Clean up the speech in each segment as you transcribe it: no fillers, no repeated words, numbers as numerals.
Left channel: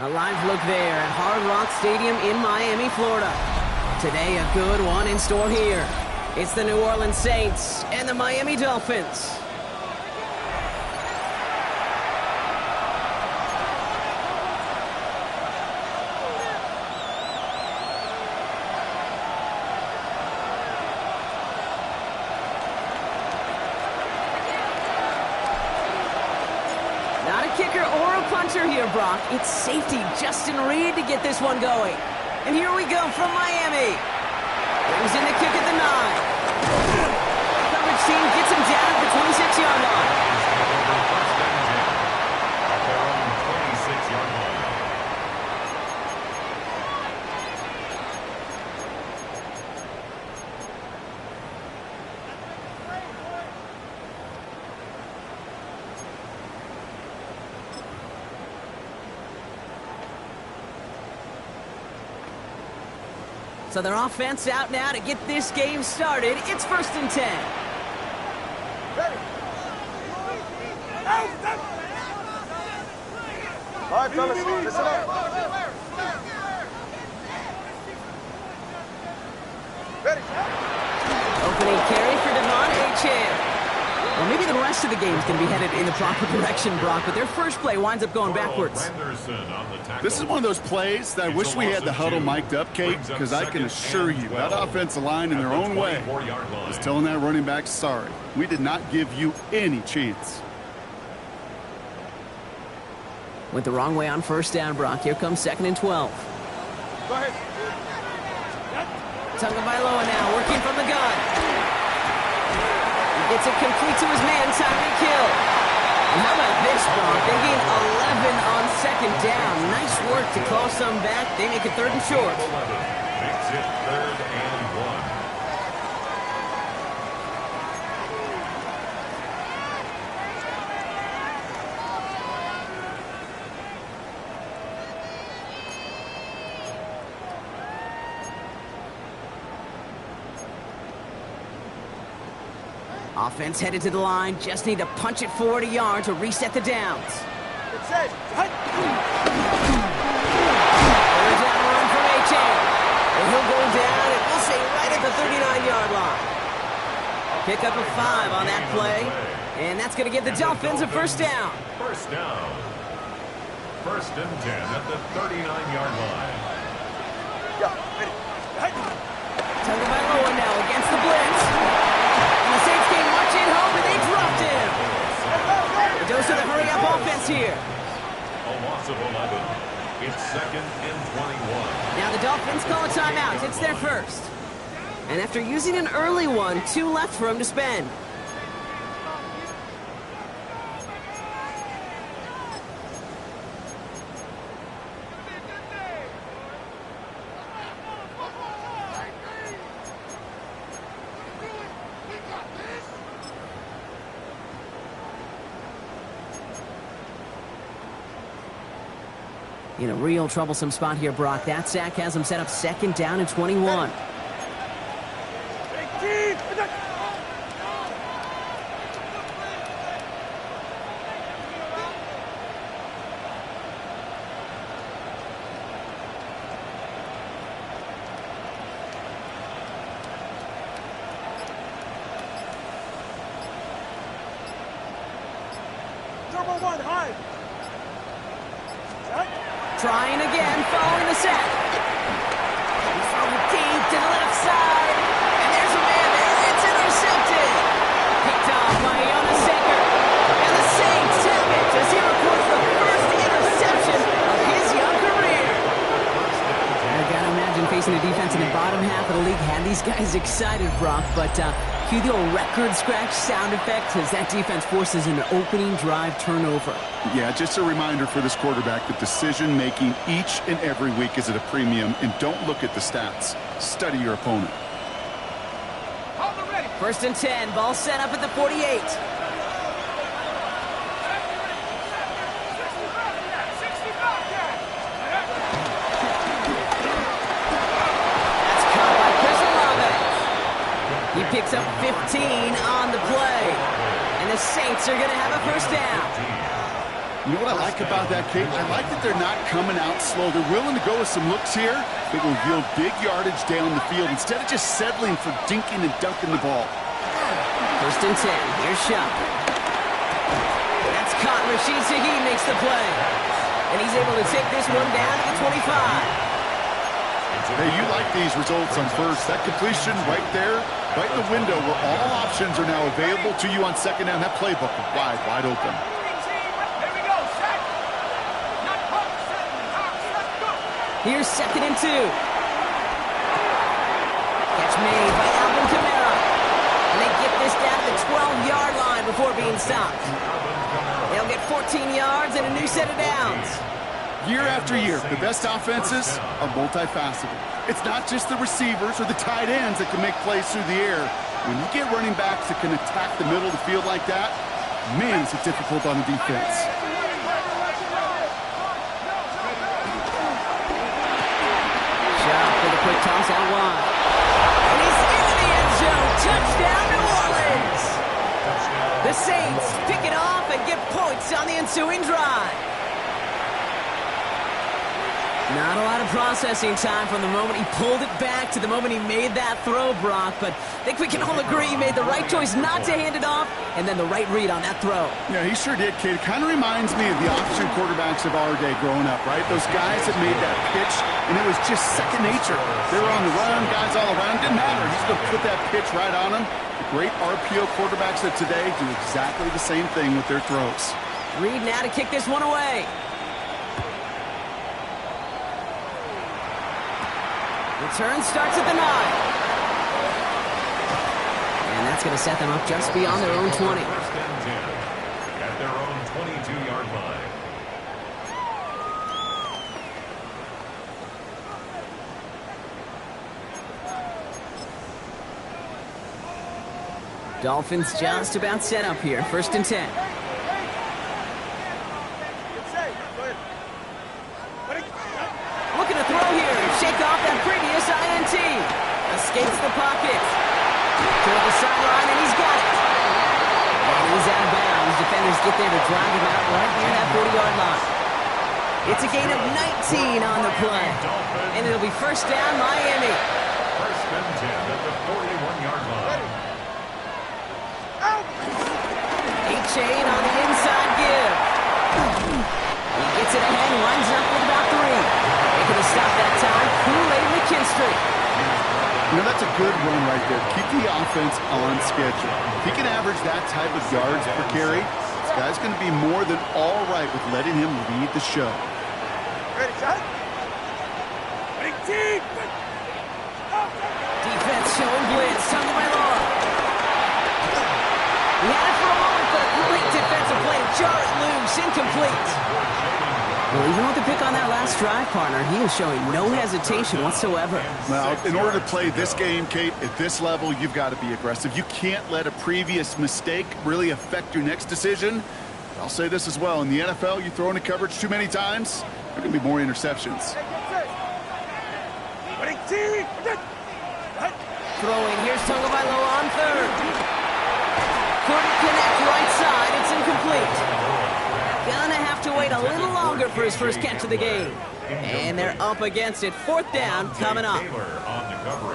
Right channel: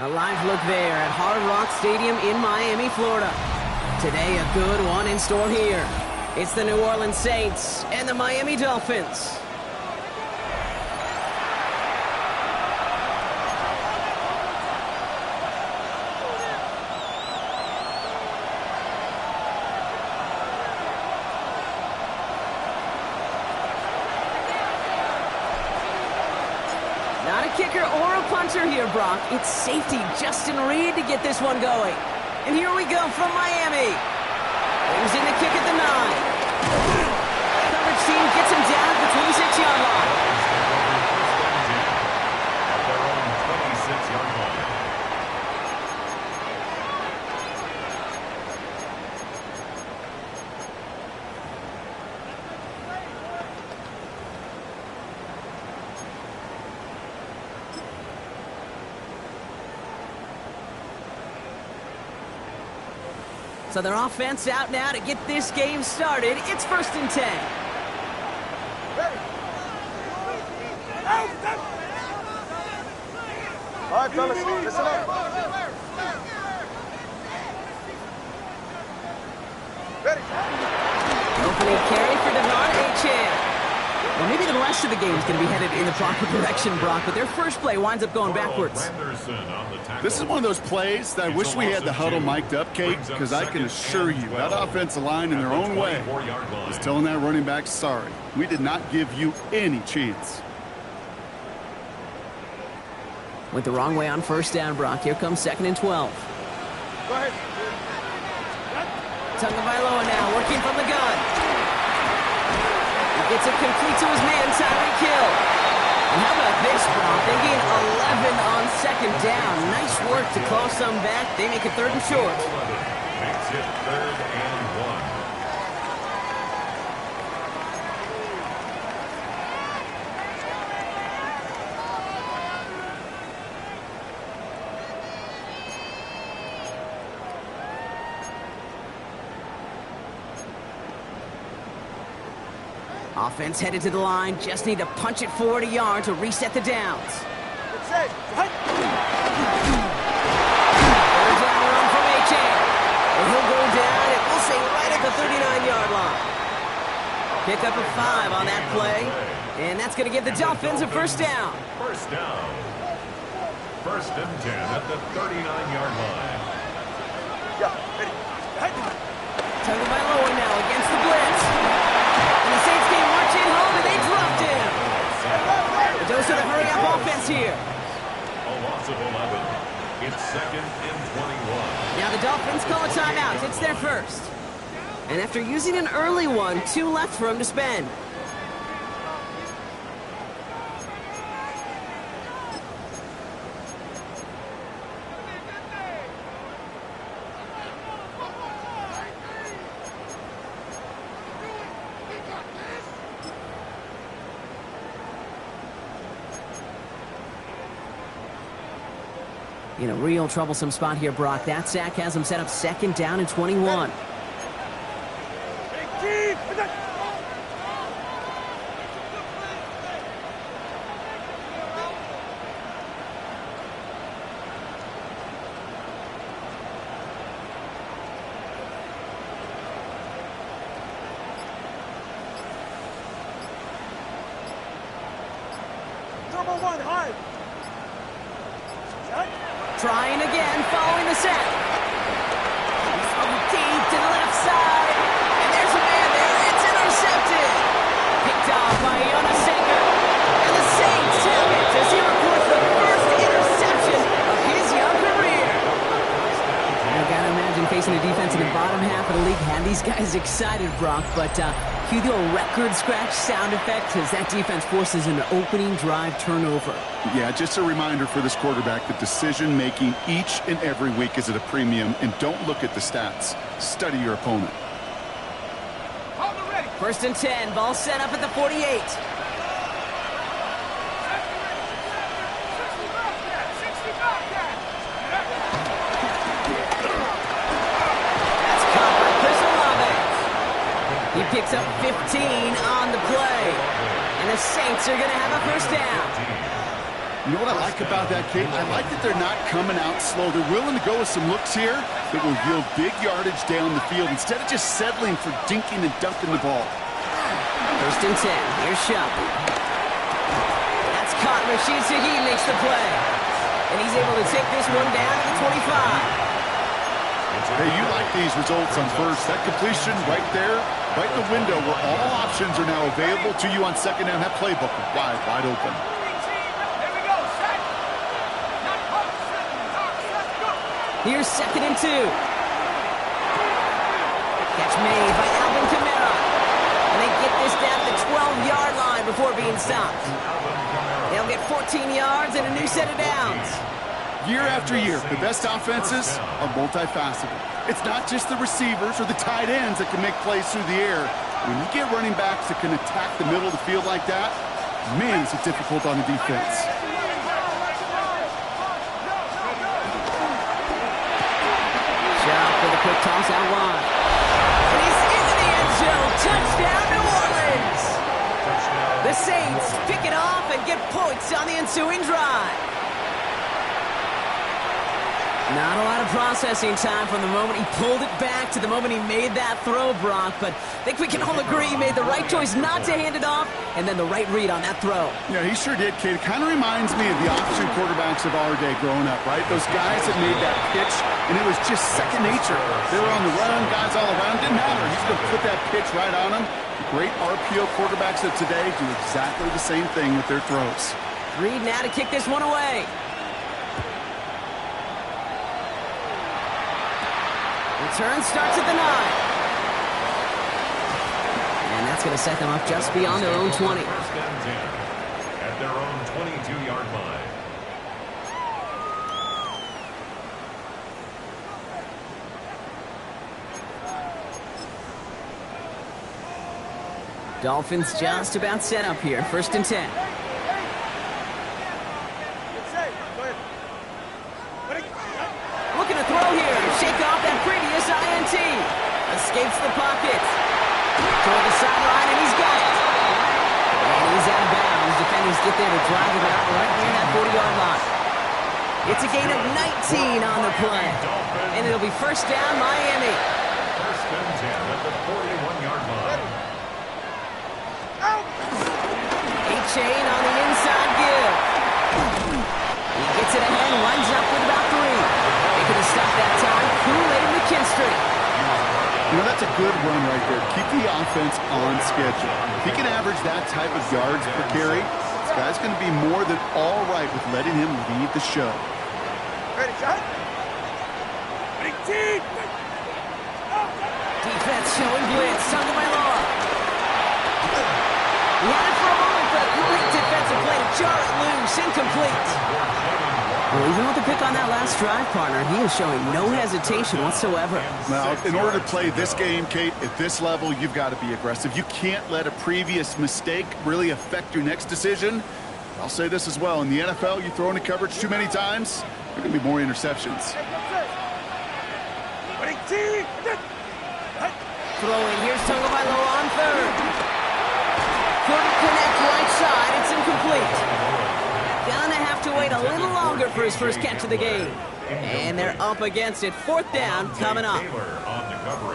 A live look there at Hard Rock Stadium in Miami, Florida. Today, a good one in store here. It's the New Orleans Saints and the Miami Dolphins. Not a kicker or a punter here, Brock. It's safety Justin Reed to get this one going. And here we go from Miami. Brings in the kick at the 9. Coverage team gets him down at the 26-yard line. First and 10 at their own 26-yard line. So their offense out now to get this game started. It's 1st and 10. Ready. All right, fellas, listen up. Ready. Opening carry for Devon Achane. Well, maybe the rest of the game is going to be headed in the proper direction, Brock, but their first play winds up going backwards. This is one of those plays that I wish we had the huddle mic'd up, Kate, because I can assure you that offensive line in their own way is telling that running back, sorry, we did not give you any chance. Went the wrong way on first down, Brock. Here comes 2nd and 12. Go ahead. Tagovailoa now working from the gun. He gets it complete to his man, Tyreek Hill. And how about this, Brock? They gain 11 on 2nd down. Nice work to claw some back. They make it 3rd and short. 11 makes it 3rd and 1. Offense headed to the line. Just need to punch it forward a yard to reset the downs. It's it. Third down run from Achane. And he'll go down, and we'll say right at the 39-yard line. Pick up a 5 on that play. And that's going to give the Dolphins a first down. First down. 1st and 10 at the 39-yard line. Yeah, ready. Tagovailoa now against the blitz. And the Saints came marching home, and they dropped him. The dose of the hurry-up offense here. A loss of 11. It's 2nd and 21. Now the Dolphins call a timeout. It's their first. And after using an early one, 2 left for him to spend. In a real troublesome spot here, Brock. That sack has him set up 2nd down and 21. Turbo 1, high. Trying again, following the sack. He's throwing deep to the left side. And there's a man there. It's intercepted. Picked off by Jonas Secker. And the Saints tap it as he records the first interception of his young career. I gotta imagine facing a defense in the bottom half of the league had these guys excited, Brock. But cue the old record scratch sound effect as that defense forces an opening drive turnover. Yeah, just a reminder for this quarterback that decision-making each and every week is at a premium, and don't look at the stats. Study your opponent. 1st and 10, ball set up at the 48. That's caught by Chris Olave. He picks up 15 on the play. And the Saints are going to have a first down. You know what I like about that, Kate? I like that they're not coming out slow. They're willing to go with some looks here that will yield big yardage down the field instead of just settling for dinking and dunking the ball. 1st and 10. Here's Shupp. That's caught. Rashid Shaheed makes the play. And he's able to take this one down to the 25. Hey, you like these results on first. That completion right there, right in the window where all options are now available to you on 2nd down. That playbook is wide open. Here's 2nd and 2. Catch made by Alvin Kamara. And they get this down to the 12-yard line before being stopped. They'll get 14 yards and a new set of downs. Year after year, the best offenses are multifaceted. It's not just the receivers or the tight ends that can make plays through the air. When you get running backs that can attack the middle of the field like that, man, is it difficult on the defense. Shupp with a quick toss out wide. And he's into the end zone. Touchdown, New Orleans. The Saints pick it off and get points on the ensuing drive. Not a lot of processing time from the moment he pulled it back to the moment he made that throw, Brock. But I think we can all agree he made the right choice not to hand it off and then the right read on that throw. Yeah, he sure did, kid. It kind of reminds me of the option quarterbacks of our day growing up, right? Those guys that made that pitch, and it was just second nature. They were on the run, guys all around. Didn't matter. He's going to put that pitch right on them. The great RPO quarterbacks of today do exactly the same thing with their throws. Reed now to kick this one away. Return starts at the 9. And that's going to set them up just beyond their own 20. 1st and 10 at their own 22-yard line. Dolphins just about set up here. 1st and 10. Looking to throw here and shake off that previous INT. Escapes the pocket. Toward the sideline, and he's got it. And he's out of bounds. Defenders get there to drive him out right near that 40-yard line. It's a gain of 19 on the play. And it'll be 1st down, Miami. 1st and 10 at the 41-yard line. A-chain on the inside give. He gets it ahead and lines up with about 3. They could have stopped that time. Kool-Aid McKinstry. You know, that's a good run right there. Keep the offense on schedule. If he can average that type of yards per carry, this guy's going to be more than all right with letting him lead the show. Ready, shot. Ready, team. Defense showing blitz. Tagovailoa. He had it for a moment, but a great defensive play to jar it loose. Incomplete. Well, even with the pick on that last drive, partner, he is showing no hesitation whatsoever. Now, in order to play this game, Kate, at this level, you've got to be aggressive. You can't let a previous mistake really affect your next decision. I'll say this as well. In the NFL, you throw into coverage too many times, there are going to be more interceptions. Throw in. Here's Tagovailoa on 3rd. Couldn't connect right side. It's incomplete. Gonna have to wait a little longer for his first catch of the game. And they're up against it. 4th down coming up.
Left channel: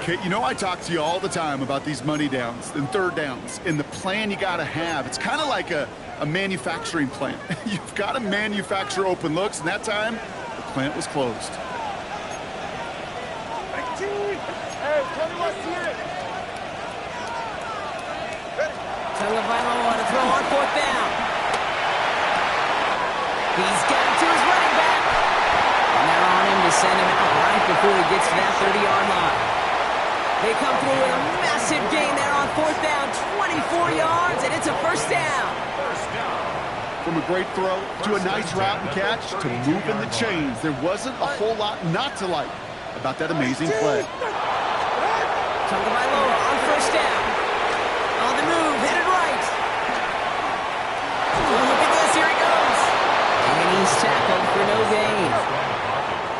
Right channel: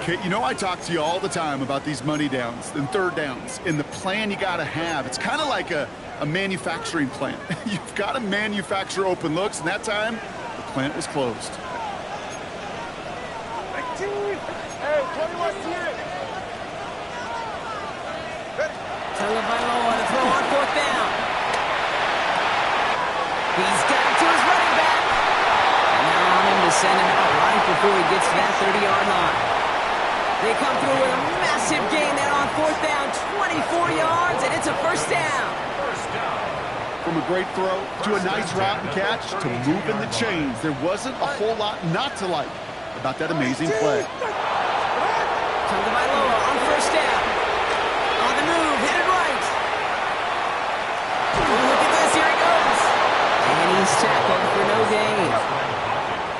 Kate, you know I talk to you all the time about these money downs and 3rd downs and the plan you got to have. It's kind of like a manufacturing plant. You've got to manufacture open looks, and that time the plant was closed. Tagovailoa to throw on 4th down. He's got it to his running back. And they're on him to send him out right before he gets to that 30-yard line. They come through with a massive gain there on 4th down, 24 yards, and it's a 1st down. From a great throw to a nice route and catch to moving the chains, there wasn't a whole lot not to like about that amazing play. Tagovailoa on 1st down. On the move, headed right. Oh, look at this, here he goes. And he's tackled for no gain.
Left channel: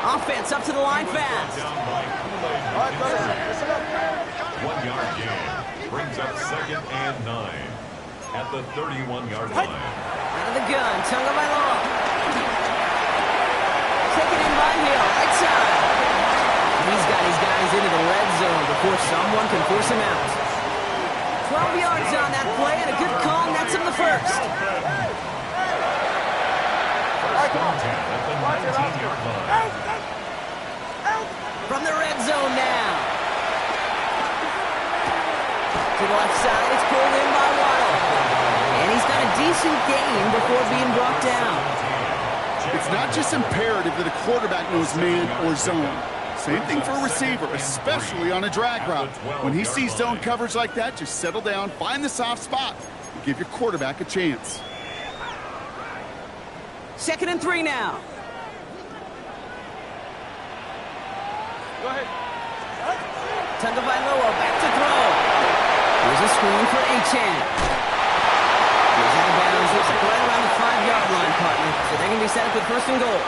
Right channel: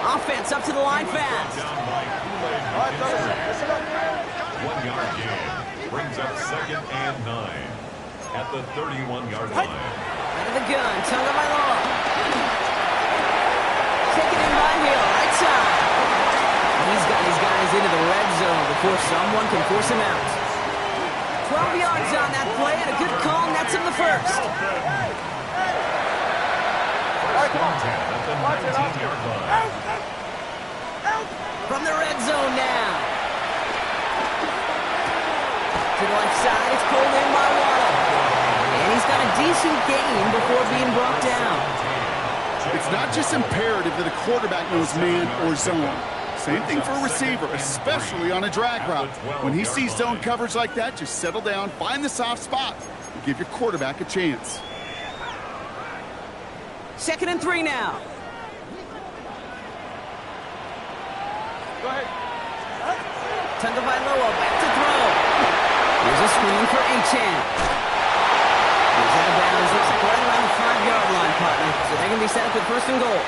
Offense up to the line fast. 1-yard gain brings up 2nd and 9 at the 31-yard line. Out of the gun, Tagovailoa. here, right side. He's got his guys into the red zone before someone can force him out. 12 yards on that play, and a good call nets him the first. First and 10 at the 19-yard line. From the red zone now. To the left side, it's pulled in by Waddle. And he's got a decent gain before being brought down. It's not just imperative that a quarterback knows man or zone. Same thing for a receiver, especially on a drag route. When he sees zone coverage like that, just settle down, find the soft spot, and give your quarterback a chance. 2nd and 3 now. Go ahead. Tagovailoa back to throw. Here's a screen for Achane. He's out of bounds. Looks like right around the 5-yard line, partner. So they're going to be set up with 1st and goal.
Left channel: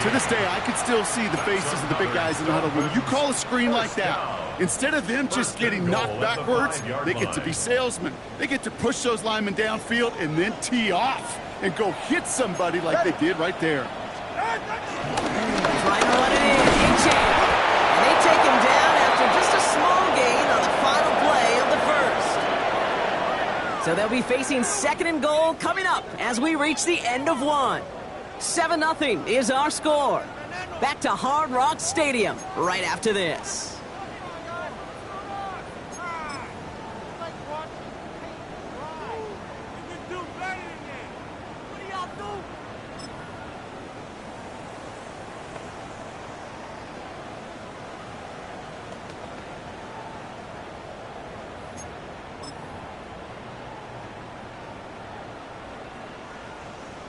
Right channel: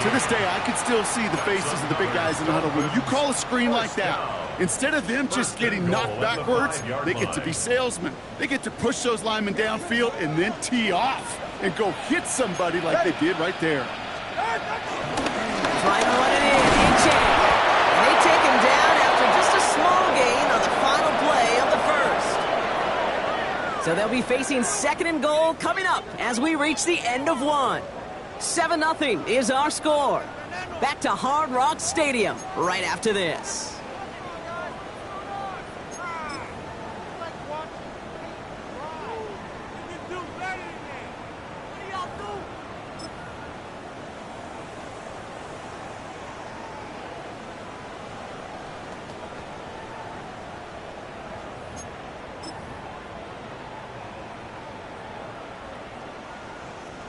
To this day, I can still see the faces of the big guys in the huddle. When you call a screen like that, instead of them just getting knocked backwards, they get to be salesmen. They get to push those linemen downfield and then tee off and go hit somebody like they did right there. Trying to run it in. Achane. And they take him down after just a small gain on the final play of the first. So they'll be facing 2nd and goal coming up as we reach the end of one. 7-0 is our score. Back to Hard Rock Stadium right after this.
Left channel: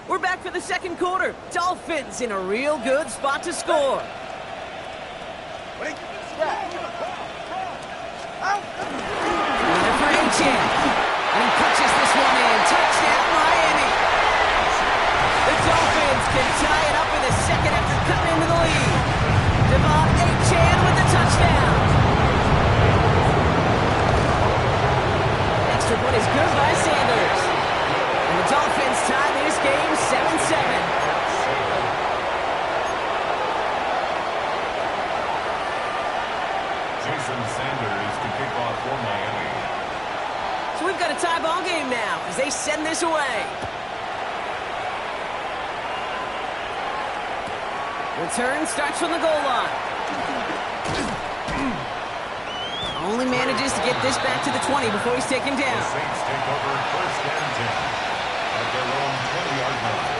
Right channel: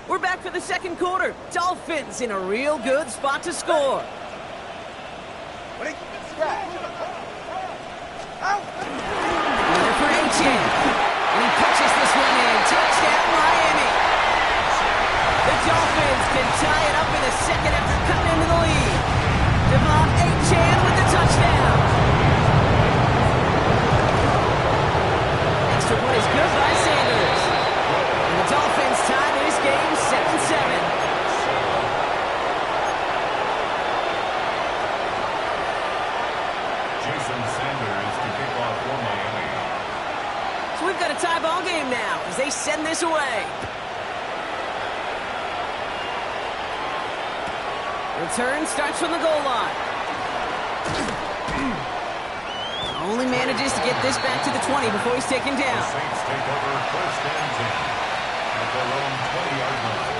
We're back for the 2nd quarter. Dolphins in a real good spot to score. Running for Achane. And he punches this one in. Touchdown, Miami. The Dolphins can tie it up in the 2nd after cutting into the lead. Devon Achane with the touchdown. Extra point is good by Sanders. And the Dolphins tie this game 7-7. Jason Sanders to kick off for Miami. So we've got a tie ball game now as they send this away. Return starts from the goal line. Only manages to get this back to the 20 before he's taken down. The Saints take over 1st and 10 at their own 20-yard line.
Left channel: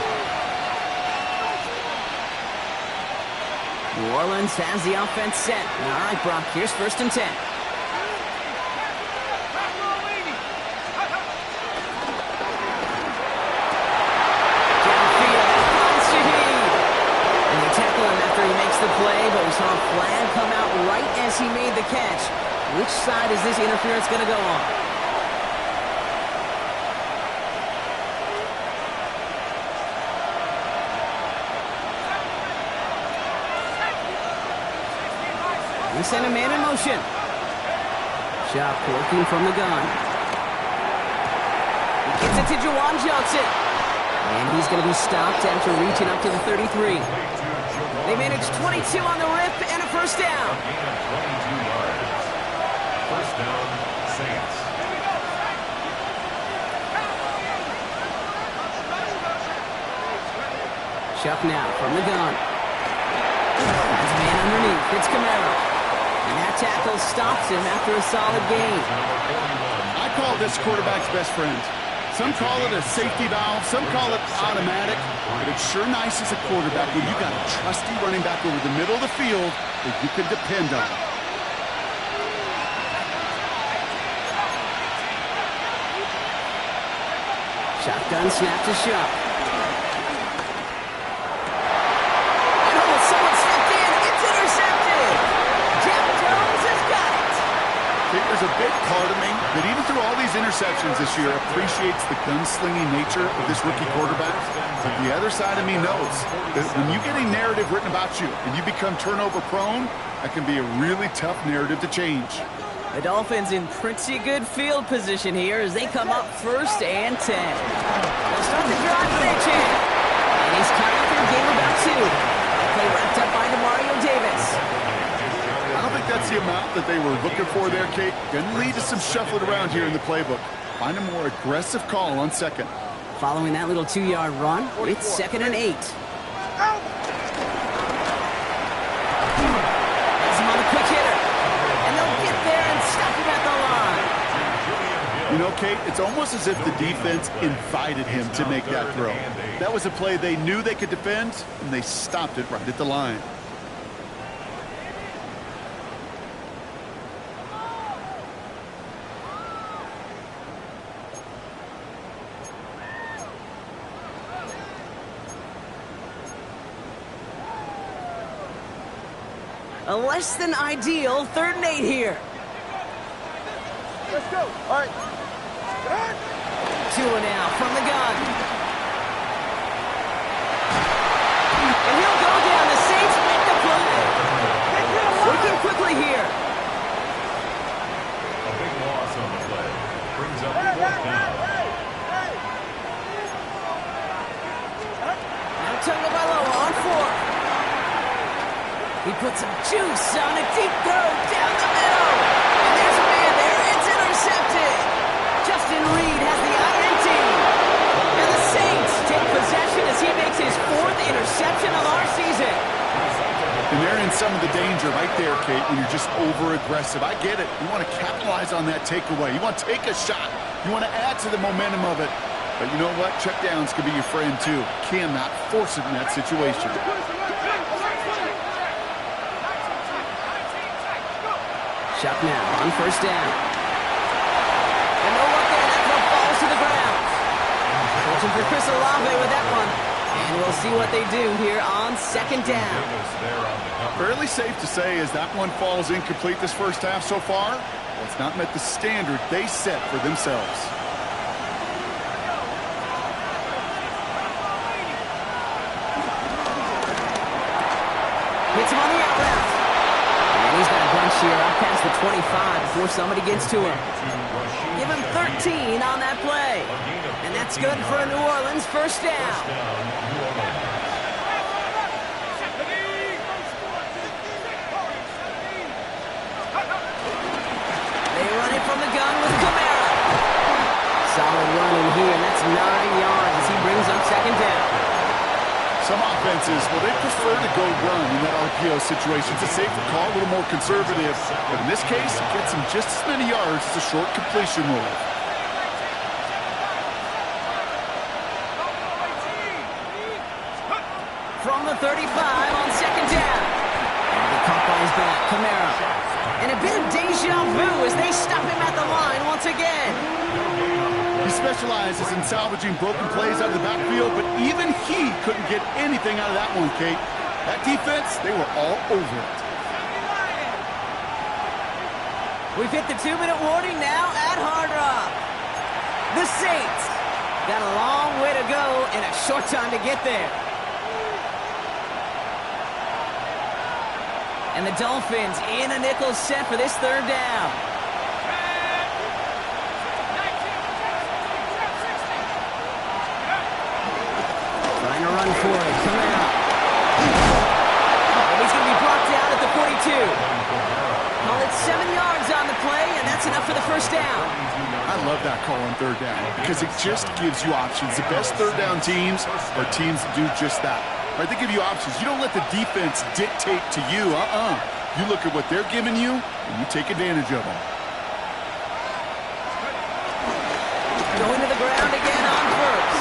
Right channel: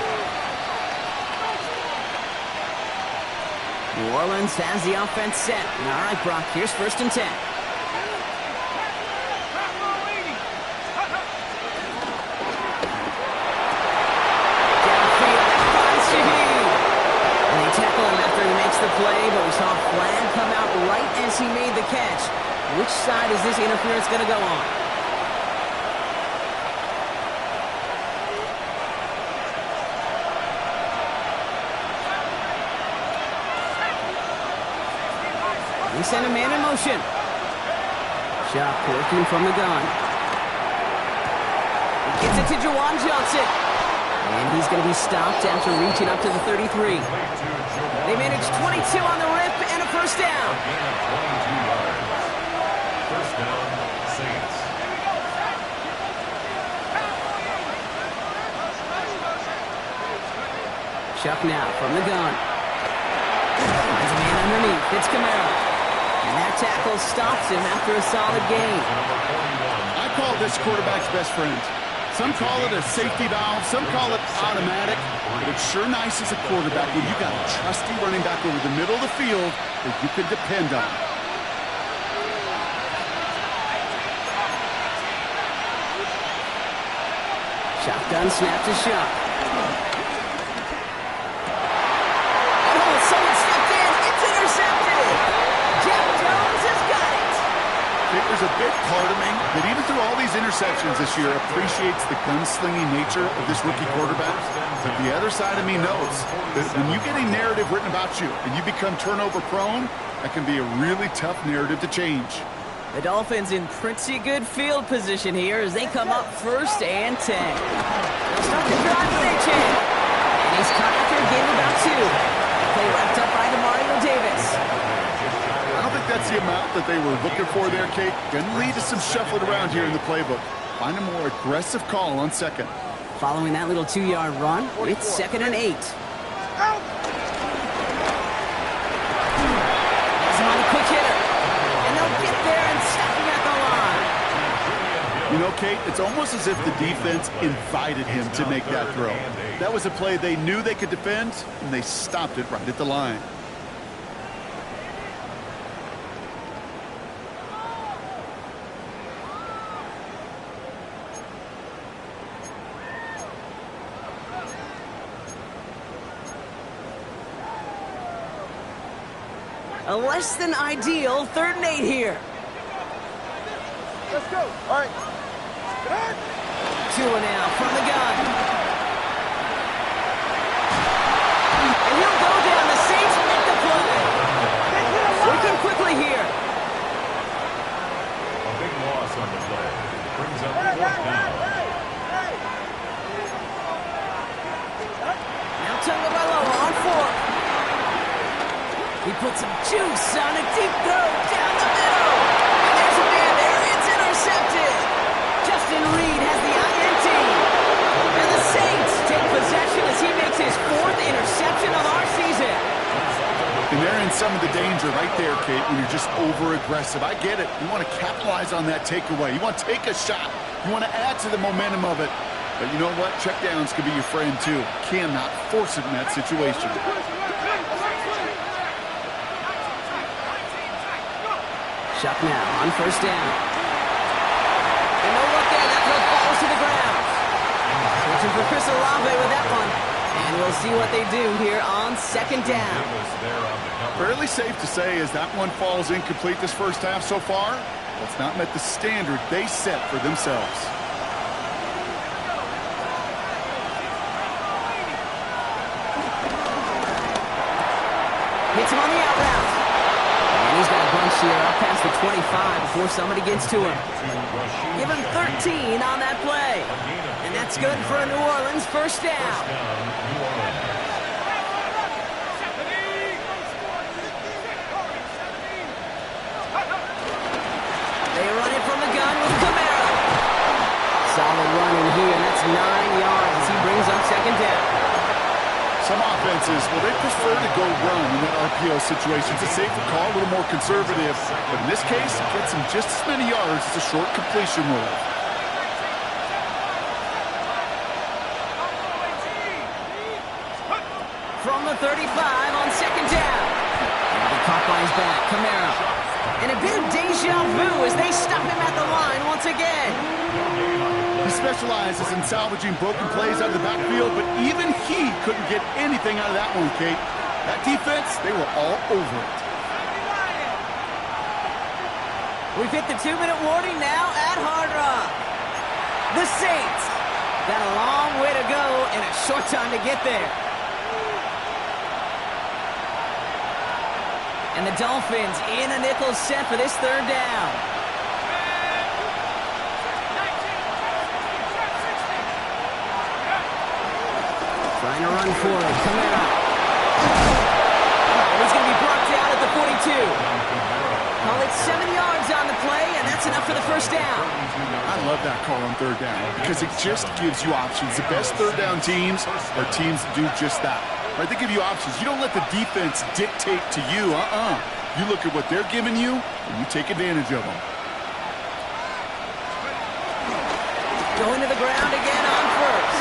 New Orleans has the offense set. All right, Brock, here's 1st and 10. Downfield, that finds Shaheed. And they tackle him after he makes the play, but we saw a flag come out right as he made the catch. Which side is this interference going to go on? They send a man in motion. Shot working from the gun. He gets it to Juwan Johnson. And he's going to be stopped after reaching up to the 33. They manage 22 on the rip and a 1st down. A gain of 22 yards. 1st down, Saints. Chuck now from the gun. Finds a man underneath. It's Kamara. And that tackle stops him after a solid gain. I call this quarterback's best friend. Some call it a safety valve, some call it automatic, but it's sure nice as a quarterback when you got a trusty running back over the middle of the field that you can depend on. Shotgun snap to Shuck. And oh, someone stepped in. It's intercepted. Jeff Jones has got it. I think there's a big part of me that even through all these interceptions this year appreciates the gunslinging nature of this rookie quarterback. But the other side of me knows that when you get a narrative written about you and you become turnover prone, that can be a really tough narrative to change. The Dolphins in pretty good field position here as they come up 1st and 10. They'll start the drive with Achane. And he's caught after a game of about 2. That Play wrapped up by DeMario Davis. I don't think that's the amount that they were looking for there, Kate. Gonna lead to some shuffling around here in the playbook. Find a more aggressive call on second. Following that little 2-yard run, it's 2nd and 8. Has him on the quick hitter. And they'll get there and stop him at the line. You know, Kate, it's almost as if the defense invited him to make that throw. That was a play they knew they could defend, and they stopped it right at the line. A less than ideal 3rd and 8 here. Let's go. All right. Tua now from the gun. And he'll go down. The Saints make the play. Working quickly here. A big loss on the play. Brings up 4th down. Now Tagovailoa on 4th. He puts some juice on a deep throw down the middle. And there's a man there. It's intercepted. Justin Reed has the INT. And the Saints take possession as he makes his 4th interception of our season. And they're in some of the danger right there, Kate, when you're just over-aggressive. I get it. You want to capitalize on that takeaway. You want to take a shot. You want to add to the momentum of it. But you know what? Checkdowns could be your friend, too. Cannot force it in that situation. Chuck now on 1st down. And no luck there. That throw falls to the ground. Searching for Chris Olave with that one. And we'll see what they do here on 2nd down. Fairly safe to say as that one falls incomplete this first half so far, well, it's not met the standard they set for themselves. Hits him on the out route. And he's got a bunch here up past the 25 before somebody gets to him. Give him 13 on that play. And that's good for a New Orleans 1st down. They run it from the gun with Kamara. Solid run in here, and that's 9 yards as he brings up 2nd down. Some offenses, well, they prefer to go run in that RPO situation. It's a safer call, a little more conservative. But in this case, it gets them just as many yards as a short completion rule. From the 35 on 2nd down. And he caught by his back, Kamara. And a bit of deja vu as they stop him at the line once again. He specializes in salvaging broken plays out of the backfield, but even he couldn't get anything out of that one, Kate. That defense, they were all over it. We've hit the 2-minute warning now at Hard Rock. The Saints got a long way to go and a short time to get there. And the Dolphins in a nickel set for this 3rd down. Trying to run for it. Kamara. And he's going to be brought down at the 42. Call it 7 yards on the play, and that's enough for the 1st down. I love that call on 3rd down because it just gives you options. The best 3rd down teams are teams that do just that. Right, they give you options. You don't let the defense dictate to you. You look at what they're giving you, and you take advantage of them. Going to the ground again on 1st.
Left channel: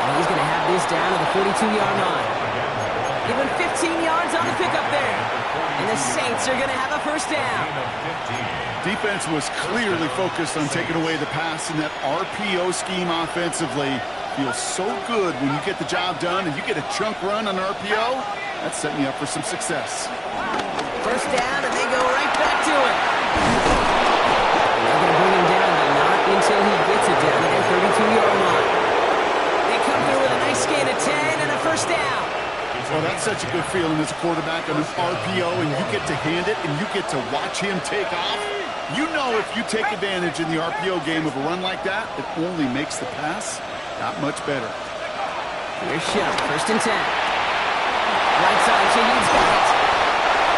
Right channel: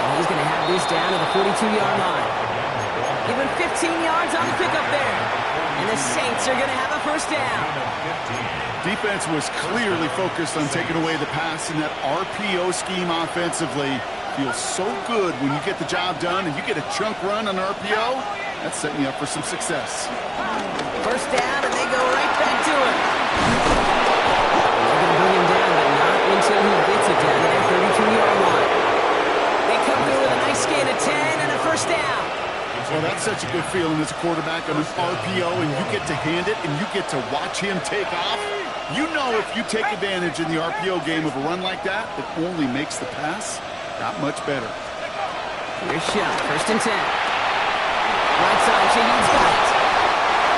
And he's going to have this down to the 42-yard line. Give him 15 yards on the pickup there. And the Saints are going to have a 1st down. Defense was clearly focused on taking away the pass in that RPO scheme offensively. Feels so good when you get the job done and you get a chunk run on RPO. That's setting you up for some success. 1st down, and they go right back to it. They're going to bring him down, but not until he gets it down to their 32-yard line. They come through with a nice gain of 10 and a 1st down. Well, that's such a good feeling as a quarterback on an RPO, and you get to hand it, and you get to watch him take off. You know if you take advantage in the RPO game of a run like that, it only makes the pass that much better. Here's Shuck, 1st and 10. Right side, Shaheed's got it.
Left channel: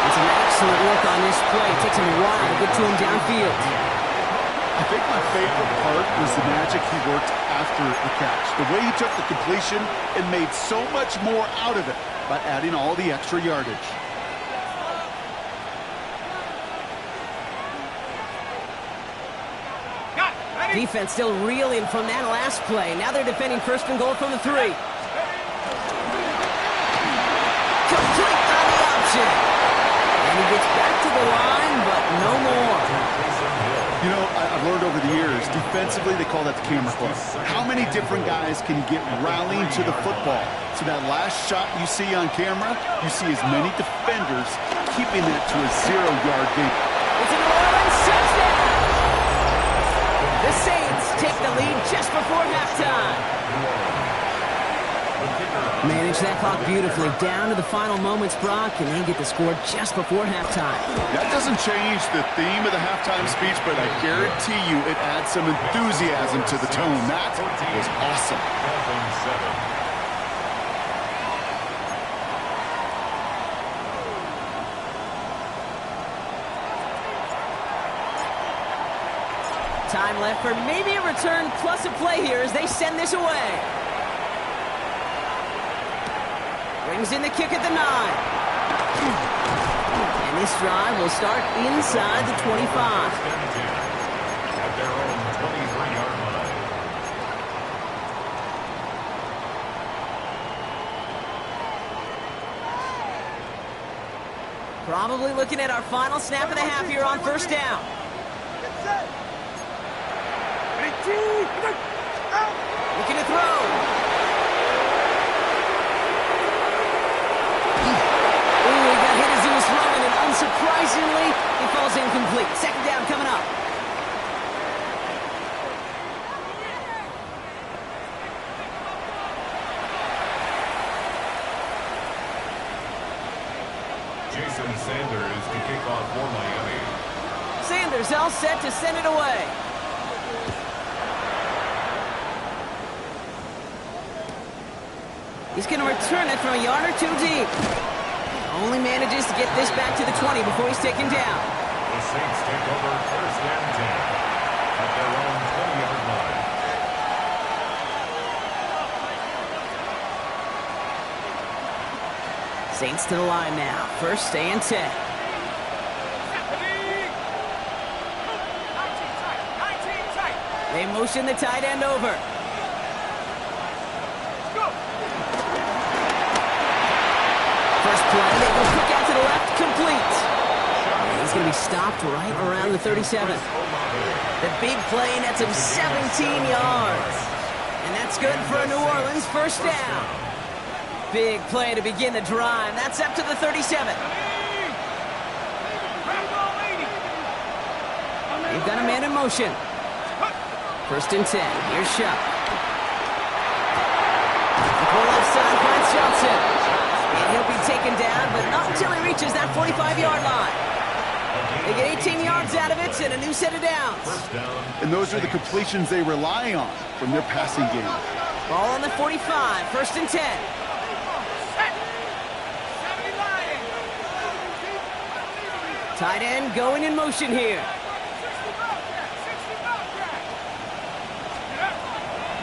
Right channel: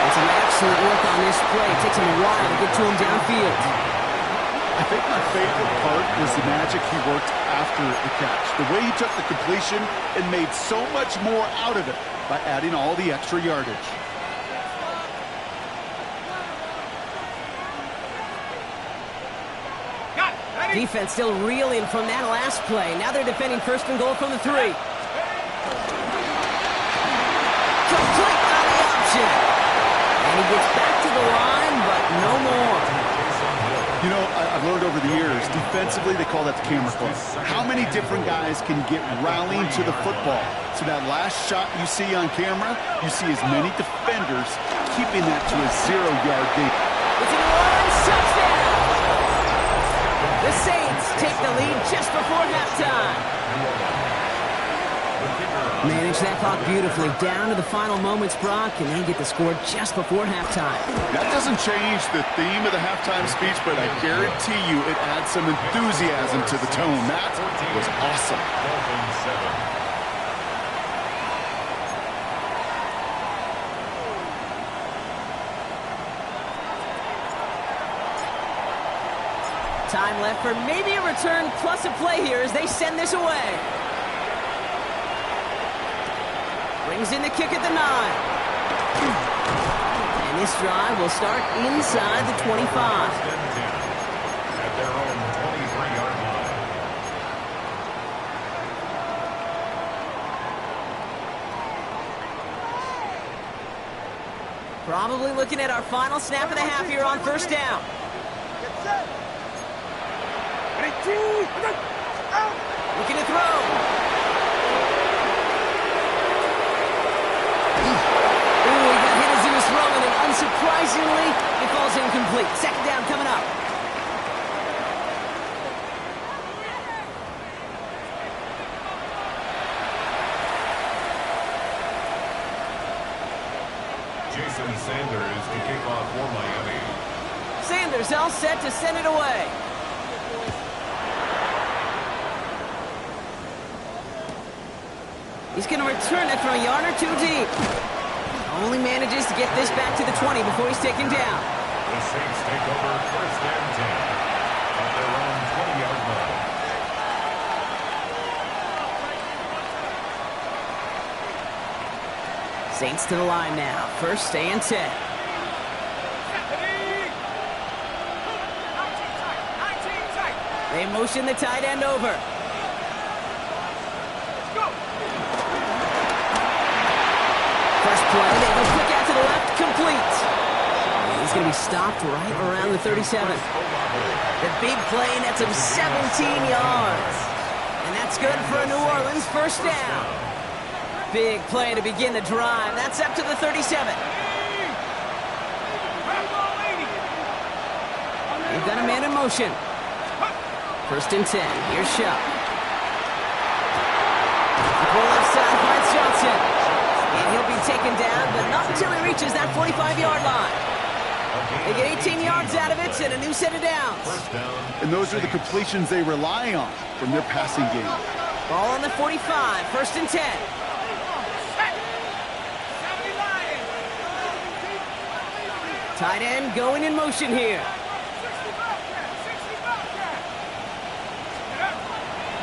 It's an excellent look on this play. It takes him a while to get to him downfield. I think my favorite part was the magic he worked after the catch. The way he took the completion and made so much more out of it by adding all the extra yardage. Defense still reeling from that last play. Now they're defending first and goal from the 3. Complete on the option. And he gets back to the line, but no more. You know, I've learned over the years, defensively they call that the camera club. How many different guys can you get rallying to the football? So that last shot you see on camera, you see as many defenders keeping that to a 0-yard gain. It's a New Orleans touchdown. The Saints take the lead just before halftime. Manage that clock beautifully down to the final moments, Brock, and then get the score just before halftime. That doesn't change the theme of the halftime speech, but I guarantee you it adds some enthusiasm to the tone. That was awesome. Time left for maybe a return plus a play here as they send this away. Brings in the kick at the 9. And this drive will start inside the 25. At their own 23-yard line. Probably looking at our final snap of the half here on first down. Get set. Looking to throw. Ooh, he got hit as he was throwing, and unsurprisingly, it falls incomplete. Second down coming up. Jason Sanders to kick off for Miami. Sanders all set to send it away. He's going to return it from a yard or 2 deep. Only manages to get this back to the 20 before he's taken down. The Saints take over first and 10 at their own 20-yard line. Saints to the line now. First and 10. They motion the tight end over. First play, they go quick out to the left, complete. And he's going to be stopped right around the 37. The big play nets him 17 yards. And that's good for a New Orleans first down. Big play to begin the drive. That's up to the 37. They've got a man in motion. First and 10. Here's Shuck. The left side finds Johnson. And he'll be taken down, but not until he reaches that 45-yard line. They get 18 yards out of it and a new set of downs. And those are the completions they rely on from their passing game. Ball on the 45, first and 10. Tight end going in motion here.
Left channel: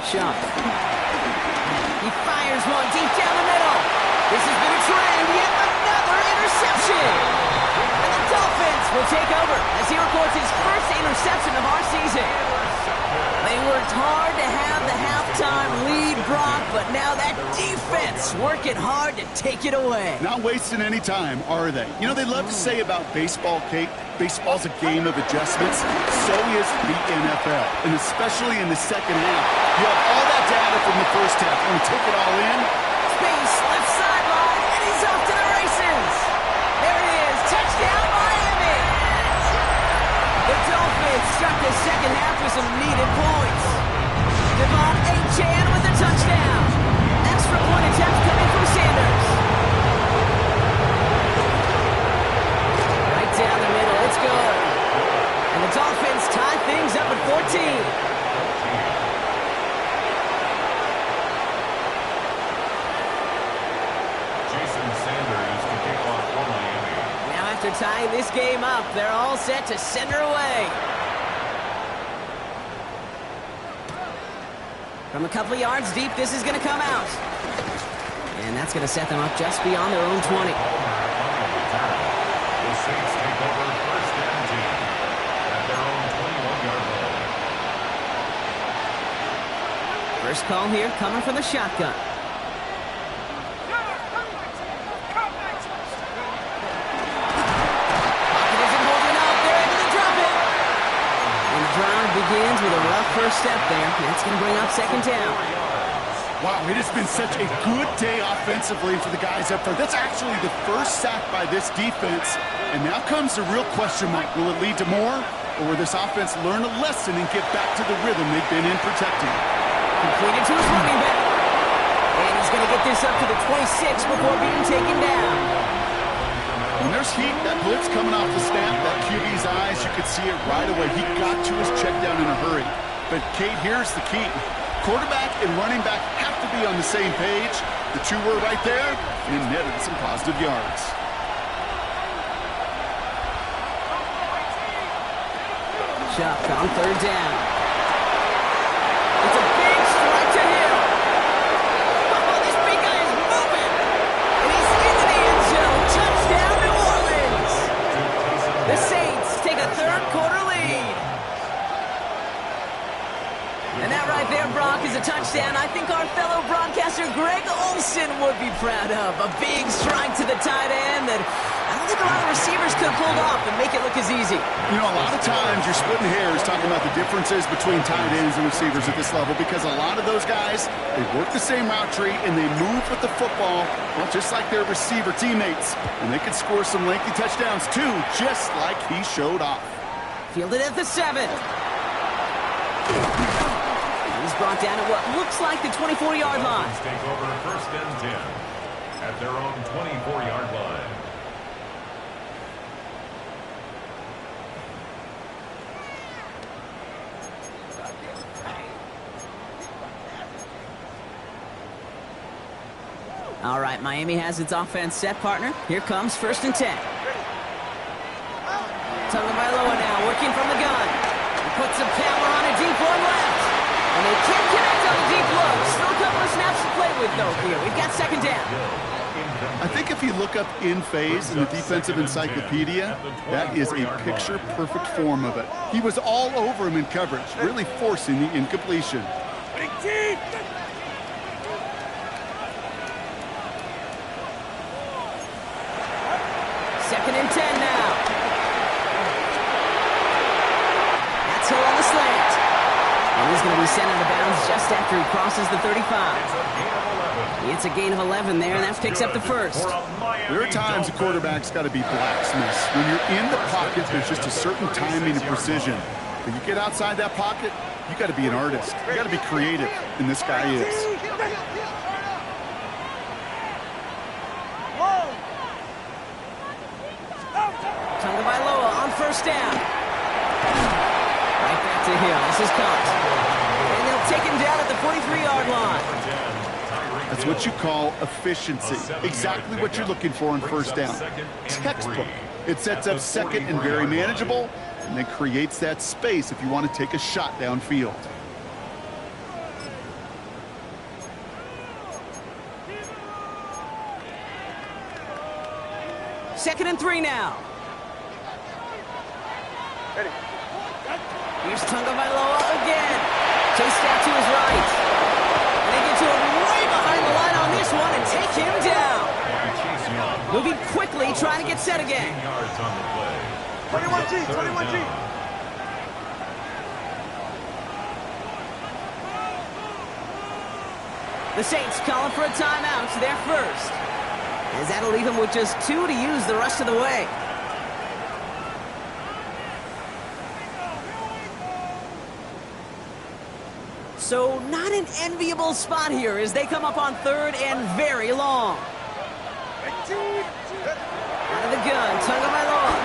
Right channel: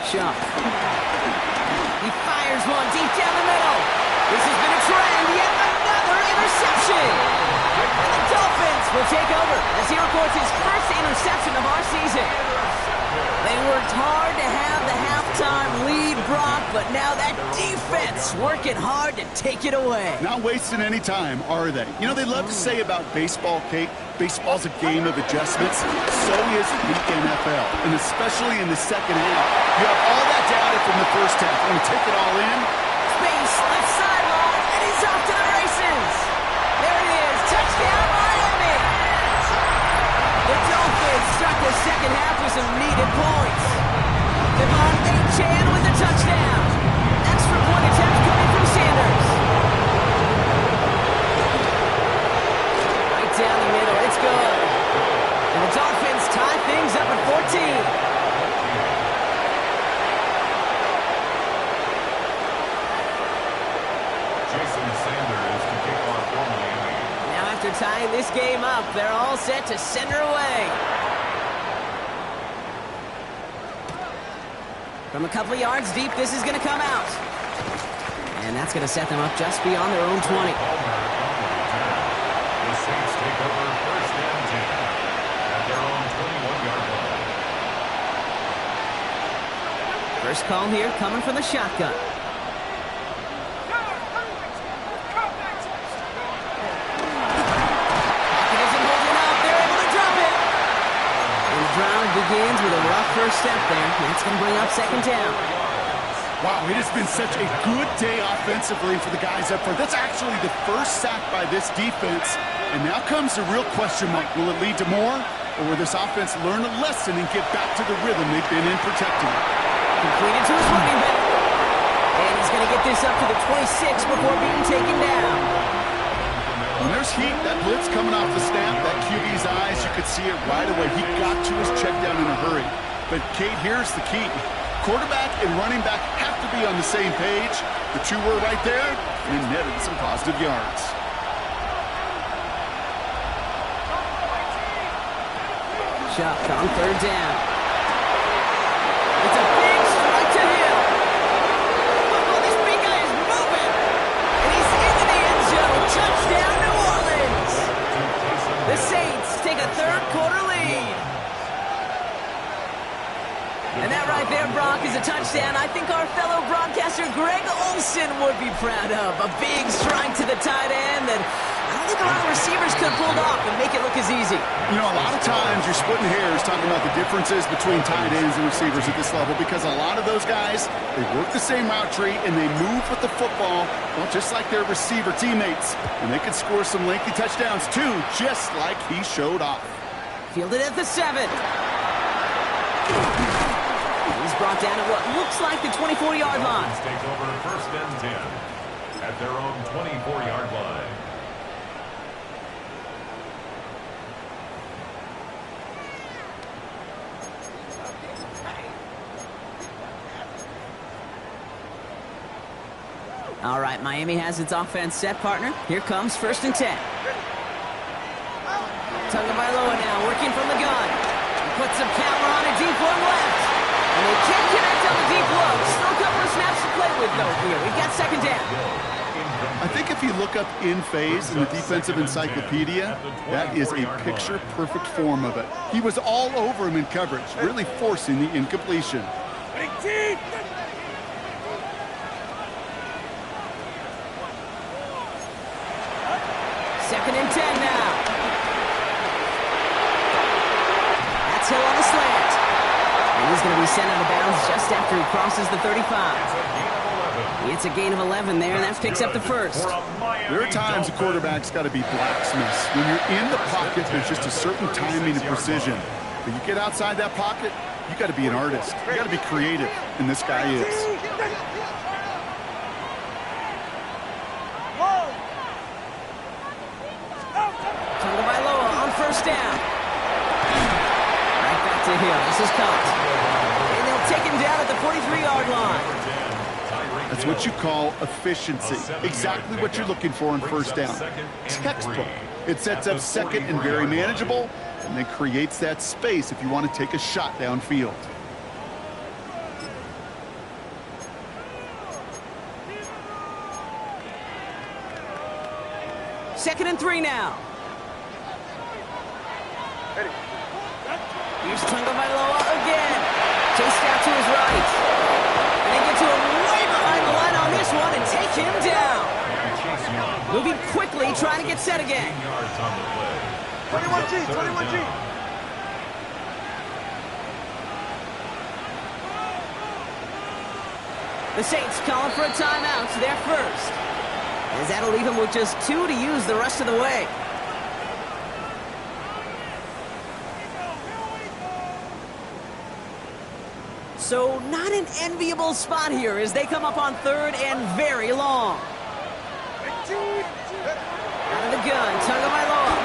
Shuck. He fires one deep down the middle. This has been a trend, yet another interception. And the Dolphins will take over as he records his first interception of our season. They worked hard to have the halftime lead, Brock, but now that defense working hard to take it away. Not wasting any time, are they? You know, they love to say about baseball, Kate, baseball's a game of adjustments. So is the NFL, and especially in the second half. You have all that data from the first half. Want to take it all in? Space, left sideline, and he's off to the races. There it is, touchdown Miami. The Dolphins start the second half with some needed points. Devon Achane with a touchdown. Extra point attempt coming from Sanders. Right down the middle, it's good. And the Dolphins tie things up at 14. Jason Sanders to kick off for Miami. Now after tying this game up, they're all set to send her away. From a couple of yards deep, this is going to come out. And that's going to set them up just beyond their own 20. Palmer on the return. The Saints take over first and 10 at their own 21-yard line. First call here coming from the shotgun. Pocket isn't holding up. They're able to drop it. And the drive begins with a rough first step there. That's going to bring up second down. Wow, it has been such a good day offensively for the guys up front. That's actually the first sack by this defense. And now comes the real question mark. Will it lead to more? Or will this offense learn a lesson and get back to the rhythm they've been in protecting? Completed to his running back. And he's going to get this up to the 26 before being taken down. When there's heat, that blitz coming off the snap, that QB's eyes, you could see it right away. He got to his check down in a hurry. But, Kate, here's the key. Quarterback and running back have to be on the same page. The two were right there, and it netted some positive yards. Chuck on third down. It's a big strike to him. Oh, this big guy is moving. And he's into the end zone. Touchdown, New Orleans. The Saints take a third quarter lead. And that right there, Brock, is a touchdown I think our fellow broadcaster Greg Olson would be proud of. A big strike to the tight end that I don't think a lot of receivers could have pulled off and make it look as easy. You know, a lot of times you're splitting hairs talking about the differences between tight ends and receivers at this level because a lot of those guys, they work the same route tree and they move with the football, well, just like their receiver teammates. And they can score some lengthy touchdowns too, just like he showed off. Fielded at the 7. He's brought down at what looks like the 24-yard line. Take over first and 10 at their own 24-yard line. All right, Miami has its offense set, partner. Here comes first and 10. Tagovailoa now working from the gun. He puts some power on a deep one left. And they can't connect on the deep low. Still a couple of snaps to play with, though, here. We've got second down. I think if you look up in phase in the defensive encyclopedia, that is a picture-perfect form of it. He was all over him in coverage, really forcing the incompletion. Second and 10 now. That's Hill on the slant. And he's going to be sent out of bounds just after he crosses the 35. It's a gain of 11 there, and that picks up the first. There are times a quarterback's got to be blacksmiths. When you're in the pocket, there's just a certain timing and precision. But you get outside that pocket, you got to be an artist. You got to be creative, and this guy is. Tagovailoa on first down. Right back to Hill. This is caught. And they'll take him down at the 43-yard line. That's what you call efficiency. Exactly what you're looking for on first down. Textbook. It sets up second and very manageable, and then creates that space if you want to take a shot downfield. Second and 3 now. Here's Tagovailoa again. Chased out to his right. And they get to him way behind the line on this one and take him down. Moving quickly, trying to get set again. 21G, 21G. The Saints calling for a timeout, so they're first. As that'll leave them with just 2 to use the rest of the way. So not an enviable spot here as they come up on third and very long. Out of the gun, Tagovailoa.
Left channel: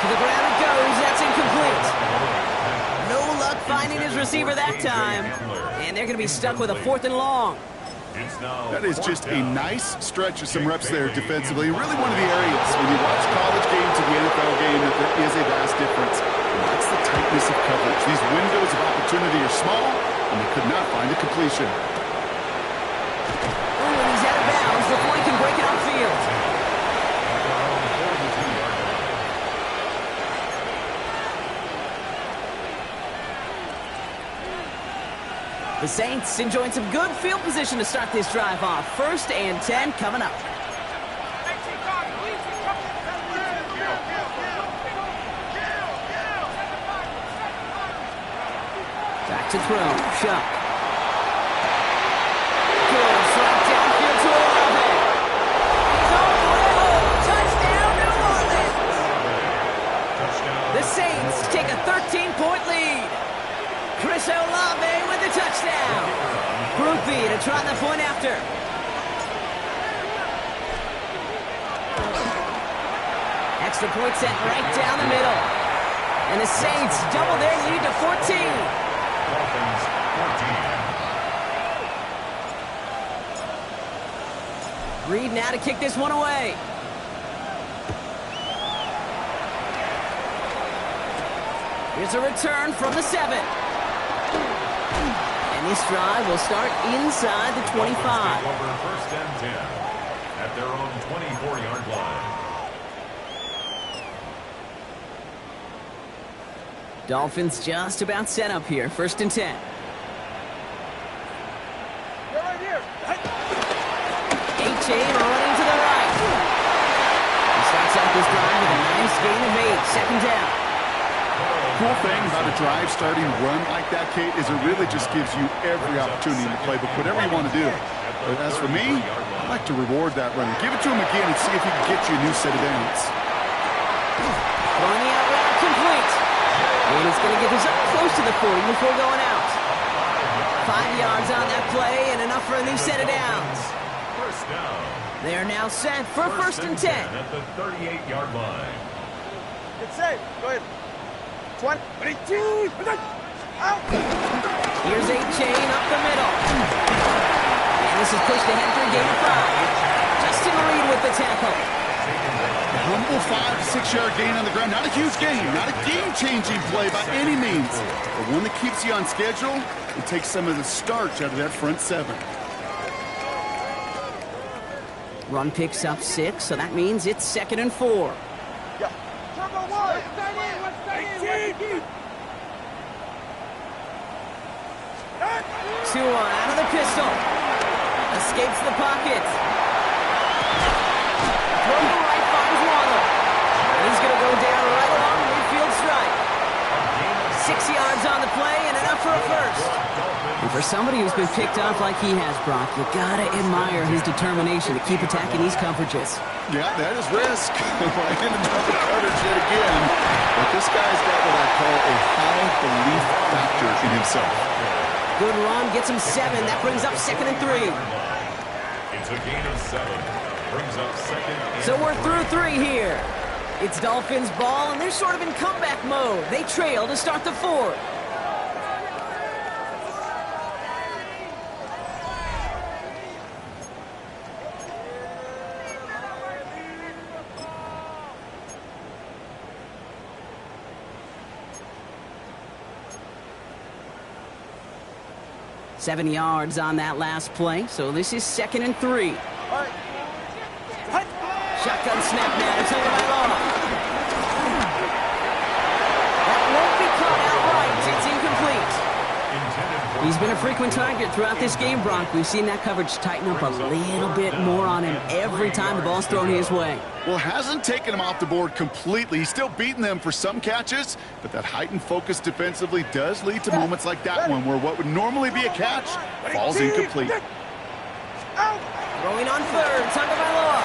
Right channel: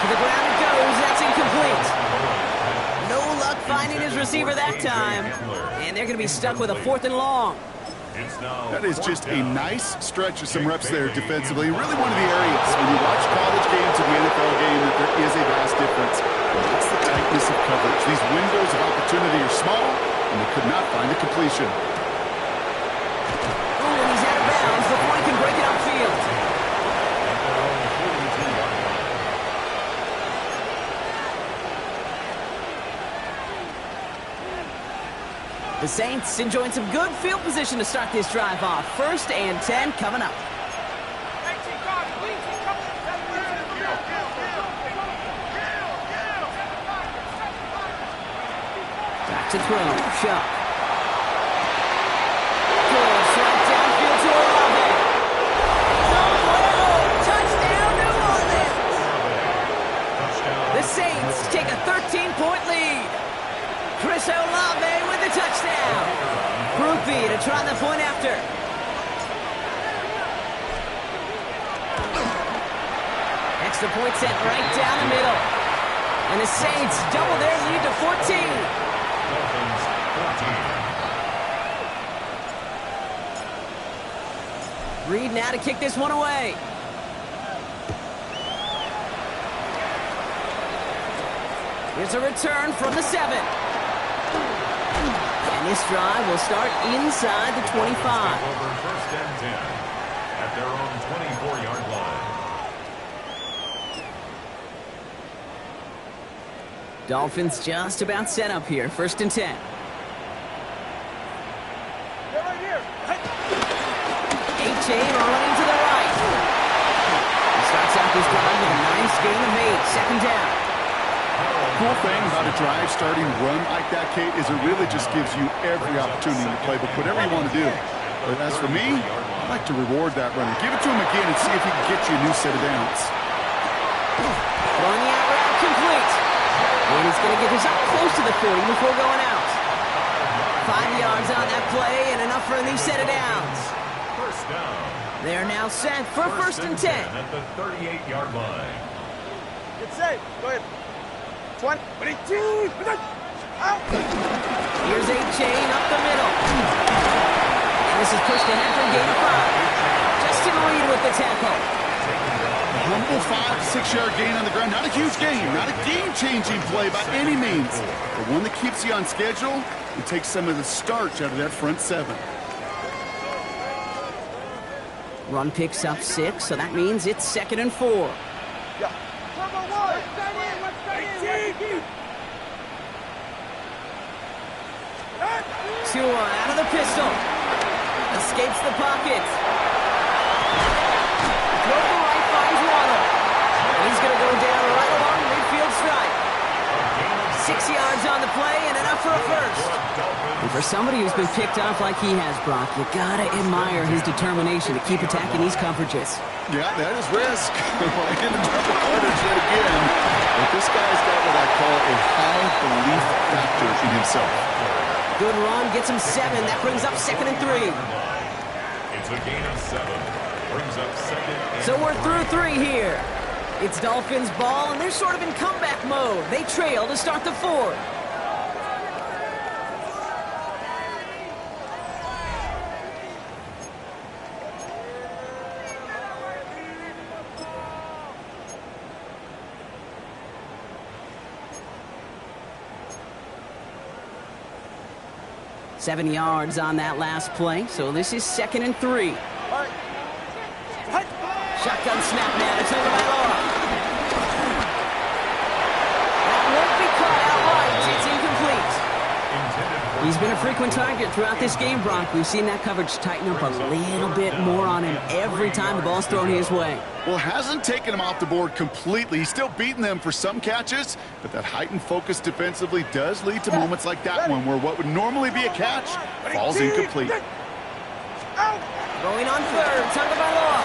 To the ground it goes, that's incomplete. No luck finding his receiver that time. And they're going to be stuck with a 4th and long. It's now That is just a down. nice stretch of some reps there defensively. Really one of the areas when you watch college game to the NFL game that there is a vast difference. That's the tightness of coverage. These windows of opportunity are small, and they could not find a completion. Oh, and he's out of bounds before he can break it upfield. At their own 42-yard line. The Saints enjoying some good field position to start this drive off. 1st and 10 coming up. Back to throw. Shuck. Goes right downfield to Olave. He's on the way home. Touchdown, New Orleans. The Saints take a 13-point lead. Chris Olave with the touchdown. Groupie to try the point after. Extra point set right down the middle. And the Saints double their lead to 14. Dolphins 14. Reed now to kick this one away. Here's a return from the 7. And this drive will start inside the 25. Dolphins take over 1st and 10 at their own 24-yard line. Dolphins just about set up here. 1st and 10. Get right here. H.A. running to the right. He starts out this drive with a nice gain of 8. 2nd down. Cool thing about a drive starting run like that, Kate, is it really just gives you every opportunity to play, but whatever you want to do. But as for me, I'd like to reward that runner. Give it to him again and see if he can get you a new set of downs. Throwing the out route complete. And he's going to get this up close to the 40 before going out. 5 yards on that play and enough for a new set of downs. 1st down. They're now set for 1st and 10. At the 38-yard line. Get safe. Go ahead. 20. Out. Here's A-Chain up the middle. And this is pushed ahead for a gain of 5. Justin Reed with the tackle. A humble 5 to 6 yard gain on the ground. Not a huge gain, not a game-changing play by any means, but one that keeps you on schedule and takes some of the starch out of that front 7. Run picks up 6, so that means it's 2nd and 4. Yeah. Turbo 1. 18. Tua out of the pistol. Escapes the pocket. Throw to the right, finds Waddle. And he's going to go down right along the midfield stripe. 6 yards on the play and enough for a 1st. And for somebody who's been picked off like he has, Brock, you got to admire his determination to keep attacking these coverages. Yeah, that is risk. I ended up with coverage yet again. But this guy's got what I call a high belief factor in himself. Good run, gets him 7. That brings up 2nd and 3. It's a gain of 7. Brings up 2nd and So we're through 3 here. It's Dolphins ball, and they're sort of in comeback mode. They trail to start the 4th. Seven yards on that last play, so this is 2nd and 3. Shotgun snap now to Tagovailoa. That won't be caught outright. It's incomplete. He's been a frequent target throughout this game, Brock. We've seen that coverage tighten up a little bit more on him every time the ball's thrown his way. Well, hasn't taken him off the board completely. He's still beating them for some catches, but that heightened focus defensively does lead to moments like that one where what would normally be a catch falls incomplete. Throwing on 3rd, Tagovailoa.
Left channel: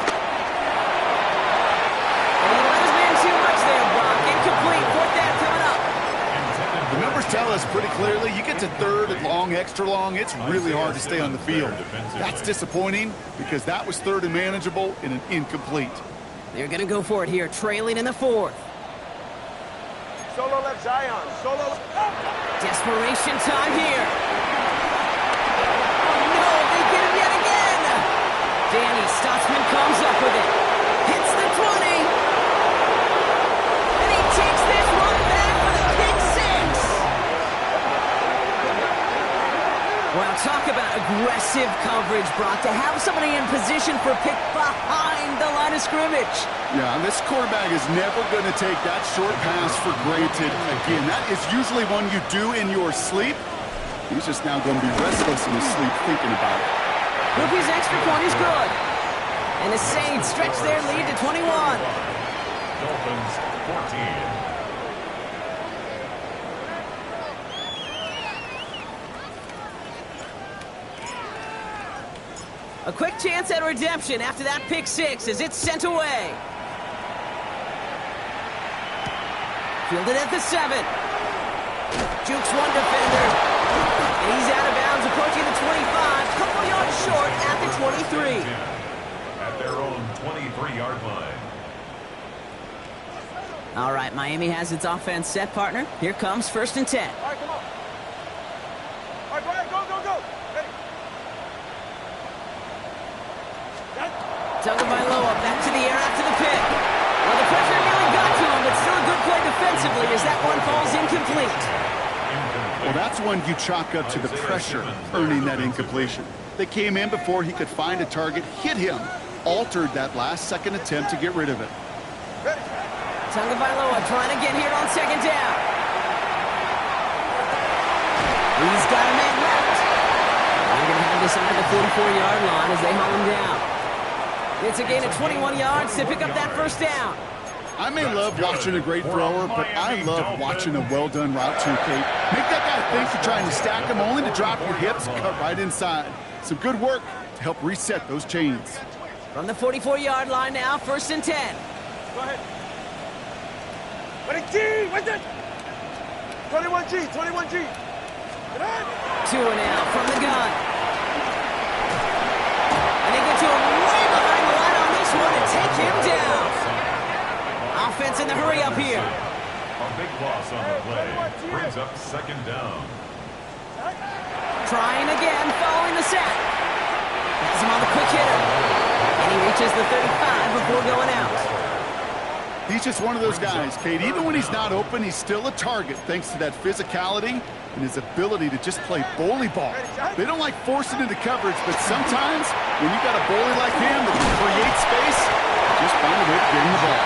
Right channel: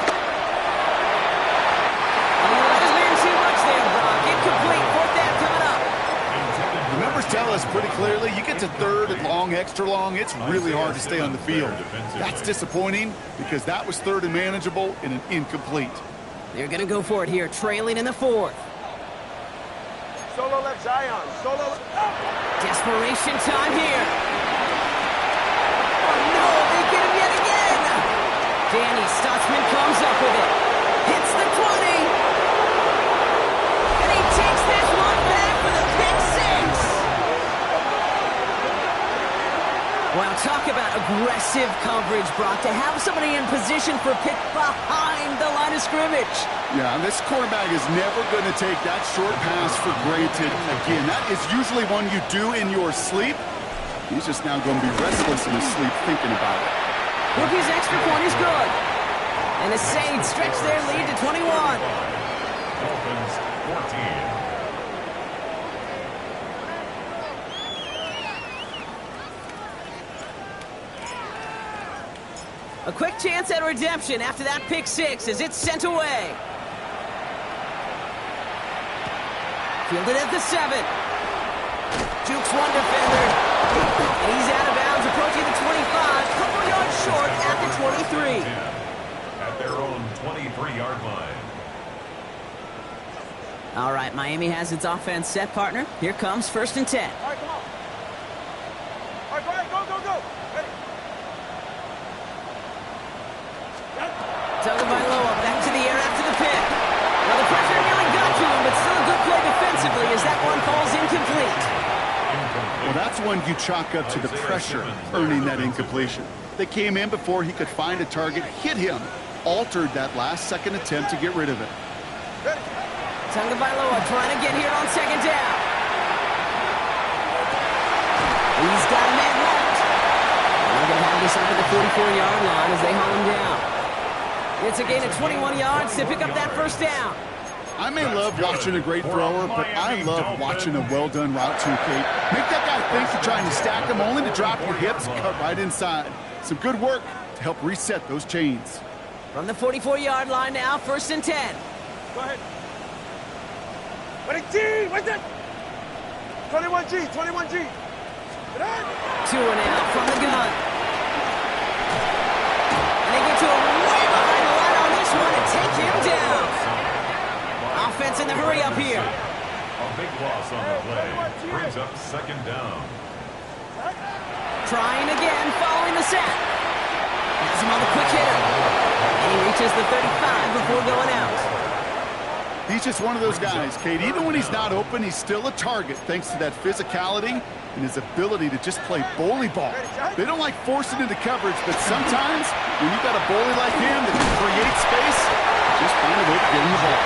And he let his man too much there, Brock. Incomplete. 4th down coming up. The numbers tell us pretty clearly, you get to 3rd and long, extra long, it's really hard to stay on the field. That's disappointing because that was 3rd and manageable in an incomplete. They're going to go for it here, trailing in the 4th. Solo left Zion. Solo. Desperation time here. Oh, no, they get him yet again. Stutzman comes up with it. Hits the 20. And he takes this one back for the pick six. Well, talk about aggressive coverage, Brock, to have somebody in position for a pick behind the line of scrimmage. Yeah, this quarterback is never going to take that short pass for granted again. That is usually one you do in your sleep. He's just now going to be restless in his sleep thinking about it. Rookie's extra point is good. And the Saints stretch their lead to 21. Dolphins 14. A quick chance at redemption after that pick six as it's sent away. Fielded at the 7. Jukes one defender. And he's out of bounds, approaching the 25. Couple yards short at the 23. At their own 23-yard line. All right, Miami has its offense set, partner. Here comes 1st and 10. All right, come on. All right, go ahead, go, go, go. Ready. Tagovailoa back to the air after the pick. Well, the pressure nearly got to him, but still a good play defensively as that one falls incomplete. Well, that's one you chalk up to the pressure earning that incompletion. They came in before he could find a target, hit him, altered that last-second attempt to get rid of it. Ready. Tagovailoa trying to get here on 2nd down. He's got a man left. And they're going to have this up at the 44-yard line as they haul him down. It's a gain of 21 yards to pick up that 1st down. I may love watching a great thrower, but I love watching a well-done route too, Kate. Make that guy think you're trying to stack him, only to drop your hips, cut right inside. Some good work to help reset those chains. From the 44-yard line now, 1st and 10. Go ahead. Ready, G, what's it? 21G, 21G. 2 and out from the gun. And they get to him way behind the line on this one and take him down. Offense in the hurry up here. A big loss on the play. Brings up 2nd down. Trying again following the sack. Has him on the quick hitter. And he reaches the 35 before going out. He's just one of those guys, Kate. Even when he's not open, he's still a target thanks to that physicality and his ability to just play bully ball. They don't like forcing into coverage, but sometimes when you got a bully like him that can create space, just find a way to get him the ball.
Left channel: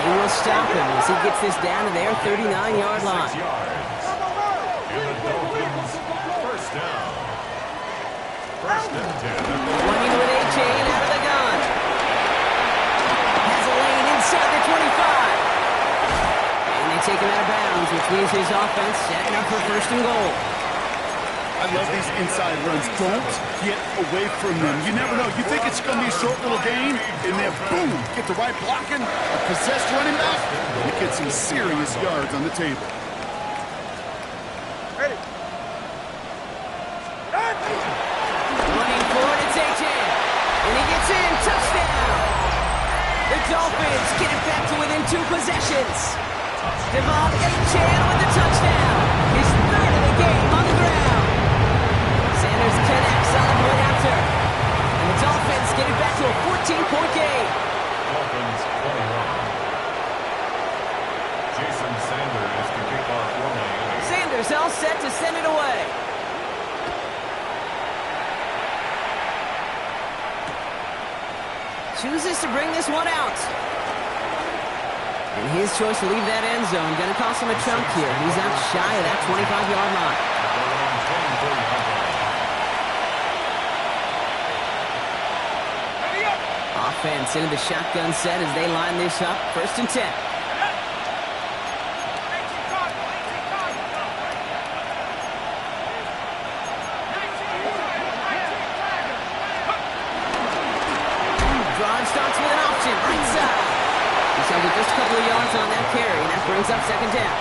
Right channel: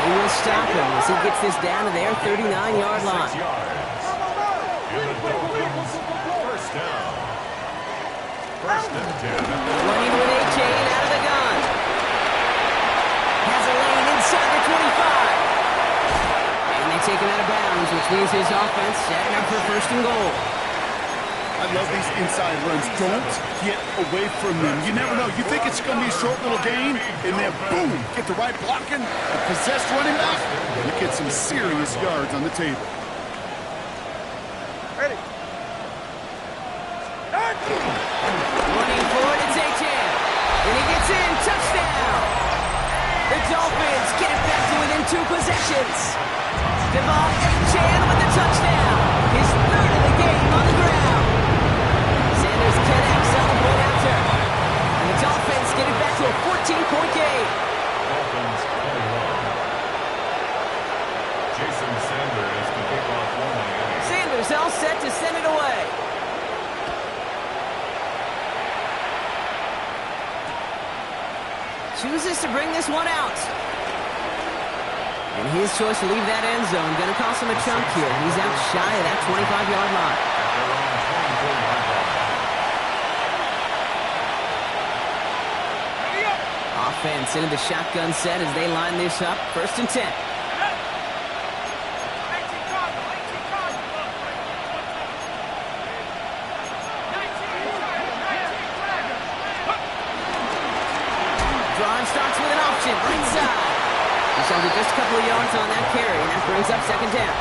They will stop him as he gets this down to their 39-yard line. 6 yards. And the Dolphins 1st down. 1st and 10. Running with A. Chain out of the gun. Has a lane inside the 25. And they take him out of bounds, which means his offense setting up for 1st and goal. I love these inside runs. Don't get away from them. You never know. You think it's going to be a short little game, and then boom, get the right blocking, a possessed running back, you get some serious yards on the table. Ready. Running forward, it's A-Chan. And he gets in, touchdown. The Dolphins get it back to within 2 possessions. Devon A-Chan with the touchdown. His 3rd of the game on the ground. Sanders 10X on the point after. And the Dolphins get it back to a 14-point game. Dolphins 21. Jason Sanders to kick off for Miami. Sanders all set to send it away. Chooses to bring this one out. And his choice to leave that end zone going to cost him a chunk here. He's out shy of that 25-yard line. At their own 24-yard line. Offense into the shotgun set as they line this up. 1st and 10. Drive starts with an option, right side. He's held it just a couple of yards on that carry, and that brings up 2nd down.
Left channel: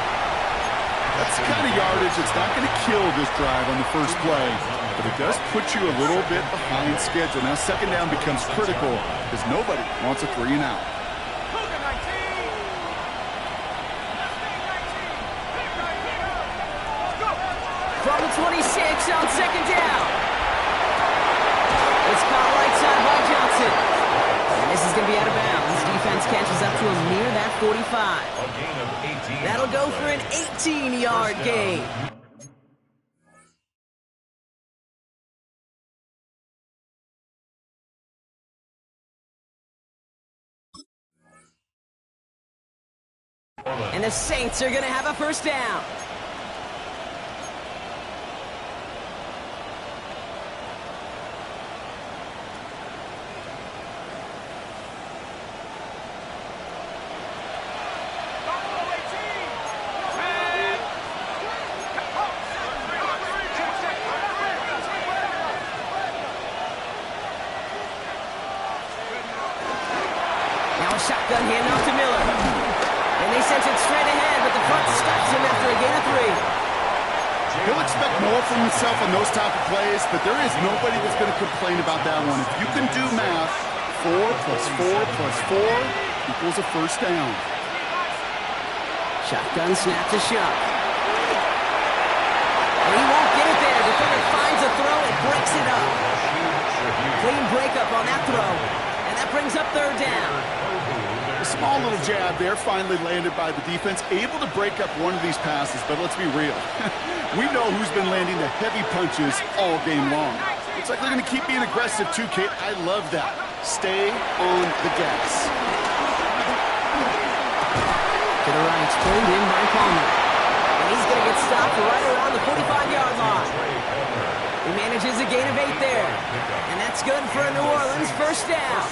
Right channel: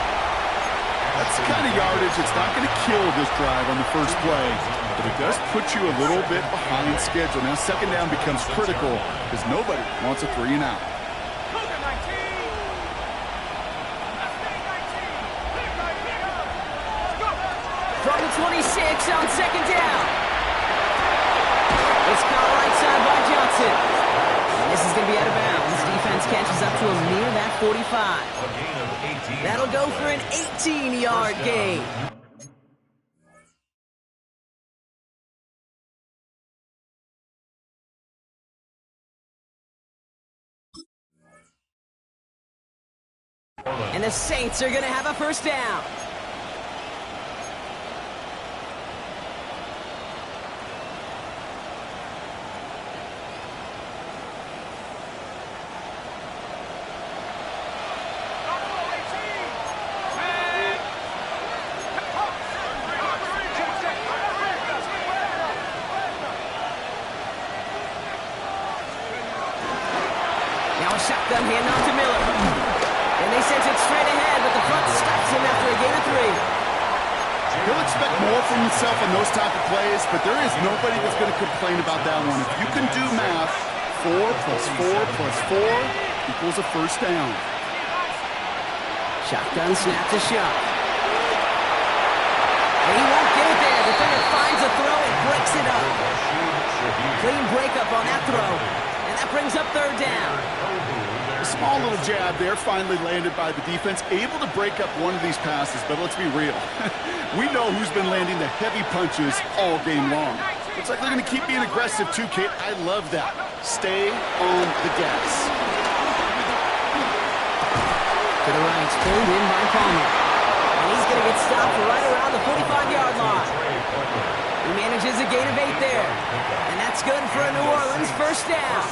That's the kind of yardage that's not going to kill this drive on the first play, but it does put you a little bit behind schedule. Now 2nd down becomes critical because nobody wants a 3 and out. From the 26 on 2nd down. It's caught right outside by Johnson. And this is going to be out of bounds. Defense catches up to him near that 45. A gain of 18. That'll go for an 18-yard gain. And the Saints are going to have a first down. Now a shotgun handoff to Miller. And they sent it straight ahead, but the front stops him after a gain of 3. He'll expect more from himself on those type of plays, but there is nobody that's going to complain about that one. If you can do math, 4 plus 4 plus 4 equals a first down. Shotgun snap to Shuck. And he won't get it there. Defender finds a throw and breaks it up. Clean breakup on that throw. And that brings up third down. A small little jab there finally landed by the defense, able to break up one of these passes, but let's be real. We know who's been landing the heavy punches all game long. Looks like they're going to keep being aggressive too, Kate. I love that. Stay on the gas. To the right, pulled in by Palmer. And he's going to get stopped right around the 45-yard line. He manages a gain of 8 there. And that's good for a New Orleans first down.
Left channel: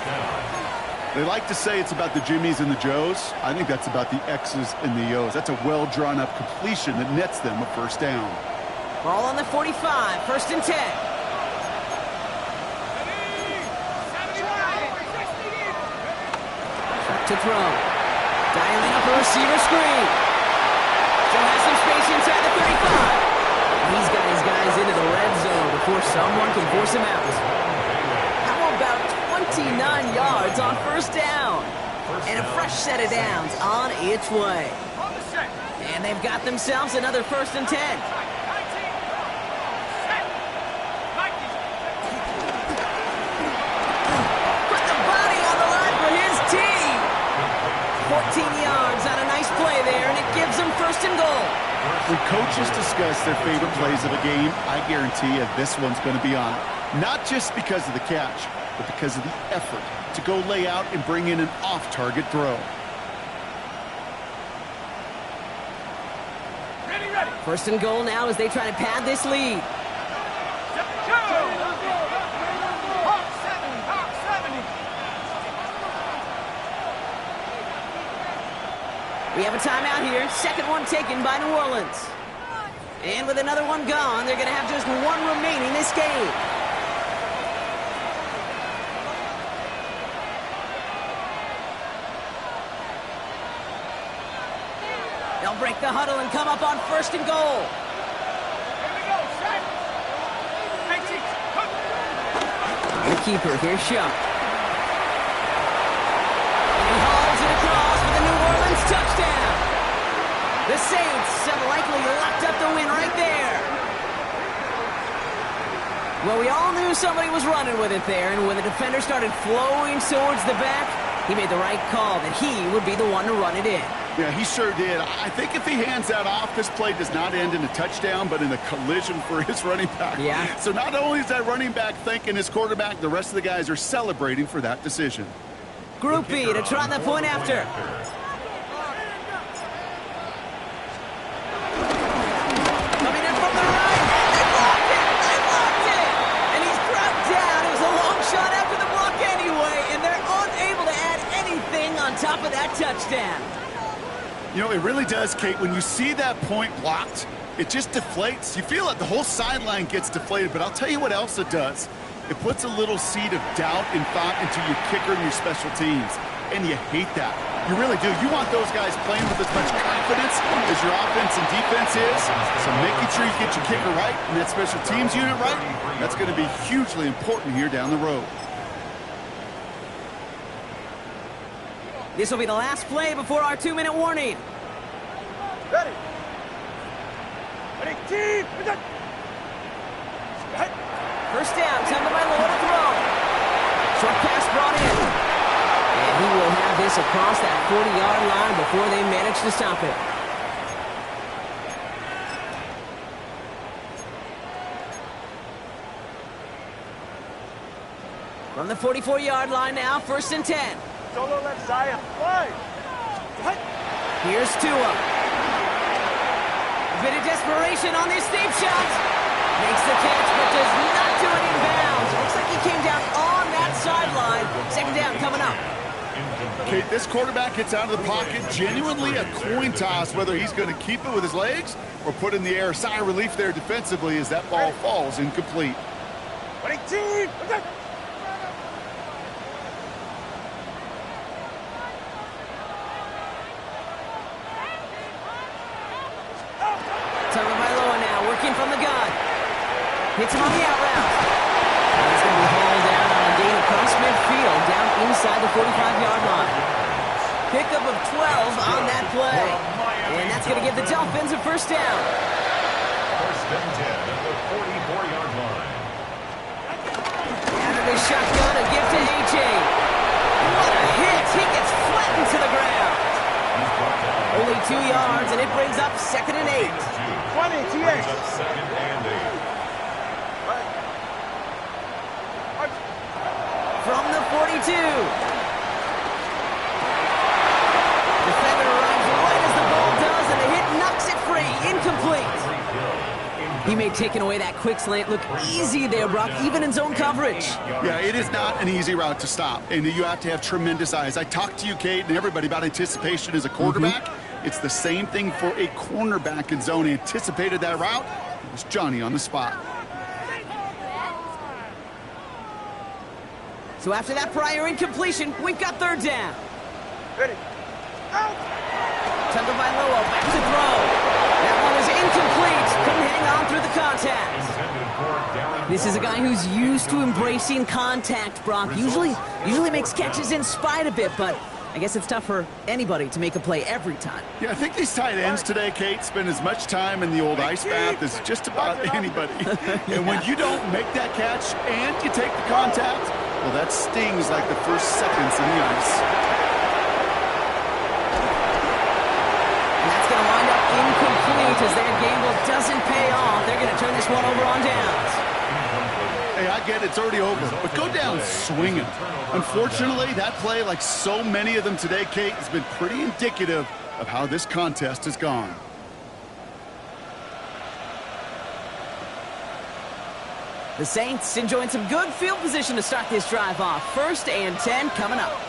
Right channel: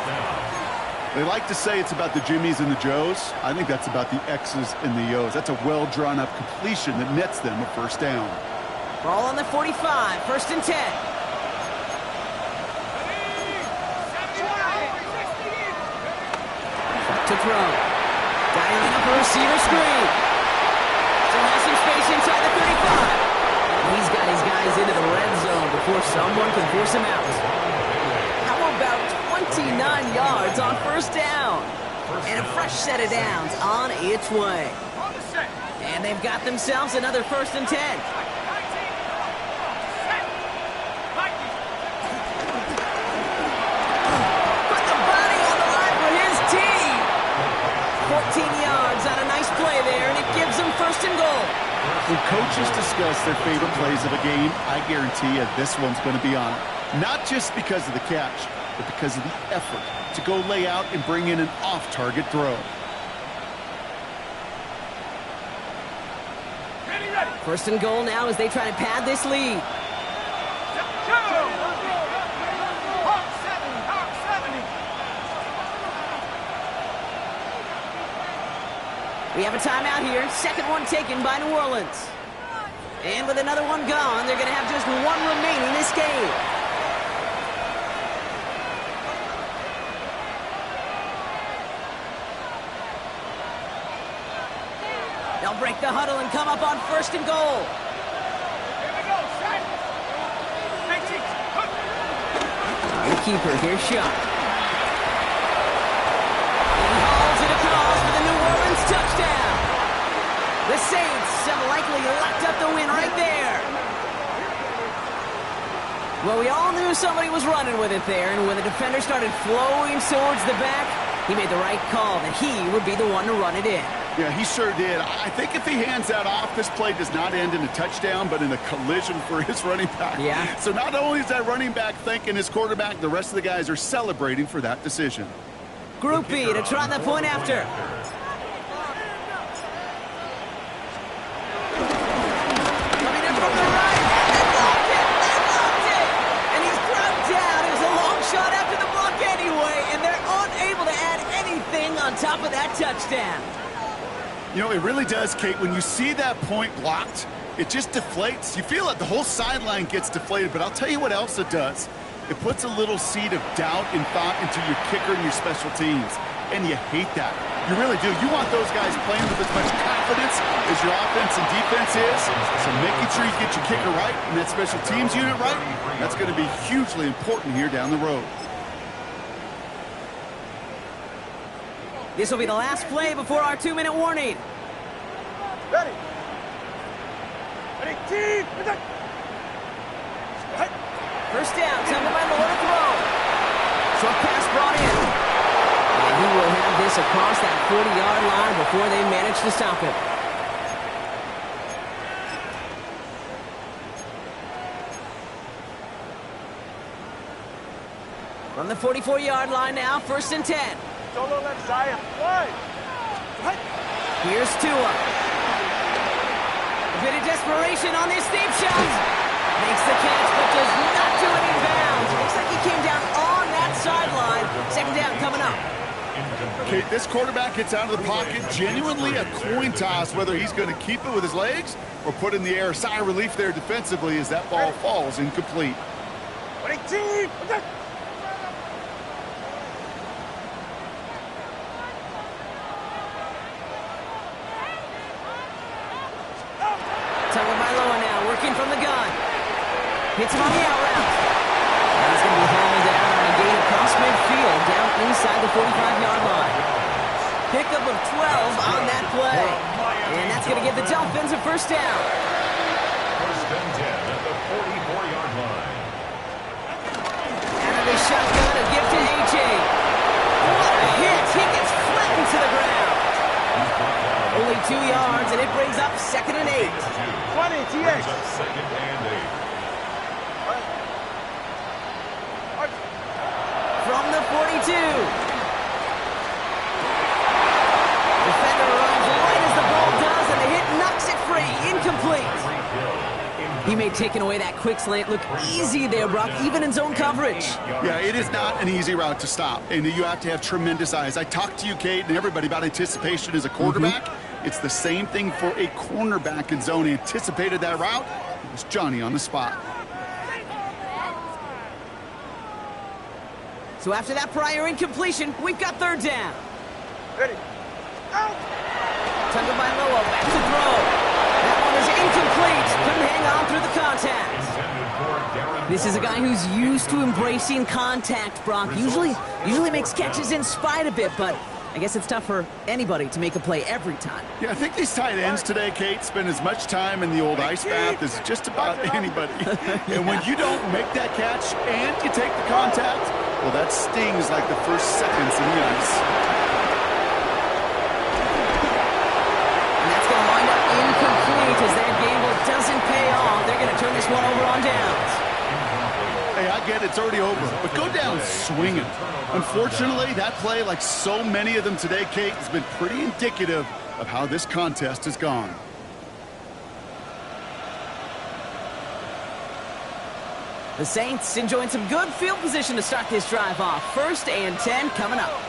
They like to say it's about the Jimmies and the Joes. I think that's about the X's and the O's. That's a well-drawn-up completion that nets them a first down. Ball on the 45, first and 10. Back to throw. Dialing up a receiver screen. Still has some space inside the 35. He's got his guys into the red zone before someone can force him out. How about 29 yards on first down? And a fresh set of downs on its way. And they've got themselves another first and 10. Put the body on the line for his team. 14 yards on a nice play there, and it gives them first and goal. When coaches discuss their favorite plays of a game, I guarantee you this one's going to be on it. Not just because of the catch, but because of the effort to go lay out and bring in an off-target throw. Ready. First and goal now as they try to pad this lead. We have a timeout here. Second one taken by New Orleans. And with another one gone, they're going to have just one remaining this game. They'll break the huddle and come up on first and goal. Here we go, set. The keeper, here's Shuck. And he hauls it across for the New Orleans touchdown. The Saints have likely locked up the win right there. Well, we all knew somebody was running with it there, and when the defender started flowing towards the back, he made the right call that he would be the one to run it in. Yeah, he sure did. I think if he hands that off, this play does not end in a touchdown, but in a collision for his running back. Yeah. So not only is that running back thanking his quarterback, the rest of the guys are celebrating for that decision. Group B to try the point after. Coming in from the right, and they blocked it! They blocked it! And he's dropped down. It was a long shot after the block anyway, and they're unable to add anything on top of that touchdown. You know, it really does, Kate. When you see that point blocked, it just deflates. You feel it. The whole sideline gets deflated, but I'll tell you what else it does. It puts a little seed of doubt and thought into your kicker and your special teams, and you hate that. You really do. You want those guys playing with as much confidence as your offense and defense is, so making sure you get your kicker right and that special teams unit right, that's going to be hugely important here down the road. This will be the last play before our 2-minute warning. Ready, team. First down, time by Lord to throw. Short pass brought in. And he will have this across that 40-yard line before they manage to stop it. From the 44-yard line now, 1st and 10. Solo left side. Wide. Here's Tua. A bit of desperation on this deep shot. Makes the catch, but does not do it in bounds. Looks like he came down on that sideline. 2nd down coming up. Okay, this quarterback gets out of the pocket. Genuinely a coin toss whether he's going to keep it with his legs or put in the air. Sigh of relief there defensively as that ball falls incomplete. 22. Tagovailoa now working from the gun. Hits him on the out route. And he's going to be hauled down on a gain across midfield down inside the 45-yard line. Pickup of 12 on that play. And that's going to give the Dolphins a 1st down. 1st and 10 at the 44-yard line. Out of the shotgun, a gift to A.J. What a hit. He gets flattened to the ground. Only 2 yards, and it brings up 2nd and 8. 20, TH. Brings up 2nd and 8. From the 42. Defender arrives right as the ball does, and the hit knocks it free. Incomplete. He made taking away that quick slant look easy there, Brock, even in zone coverage. Yeah, it is not an easy route to stop, and you have to have tremendous eyes. I talked to you, Kate, and everybody about anticipation as a quarterback. It's the same thing for a cornerback in zone. He anticipated that route. It was Johnny on the spot. So after that prior incompletion, we've got 3rd down. Ready. Out. Tagovailoa back to throw. That one is incomplete. Couldn't hang on through the contact. This is a guy who's used to embracing contact, Brock. Usually makes catches in spite of it, but I guess it's tough for anybody to make a play every time. Yeah, I think these tight ends today, Kate, spend as much time in the old ice bath as just about anybody. And when you don't make that catch and you take the contact, well, that stings like the first seconds in the ice. Wind up incomplete as their gamble doesn't pay off. They're going to turn this one over on downs. Hey, I get it's already over, but go down swinging. Unfortunately, that play, like so many of them today, Kate, has been pretty indicative of how this contest has gone. The Saints enjoying some good field position to start this drive off. 1st and 10 coming up.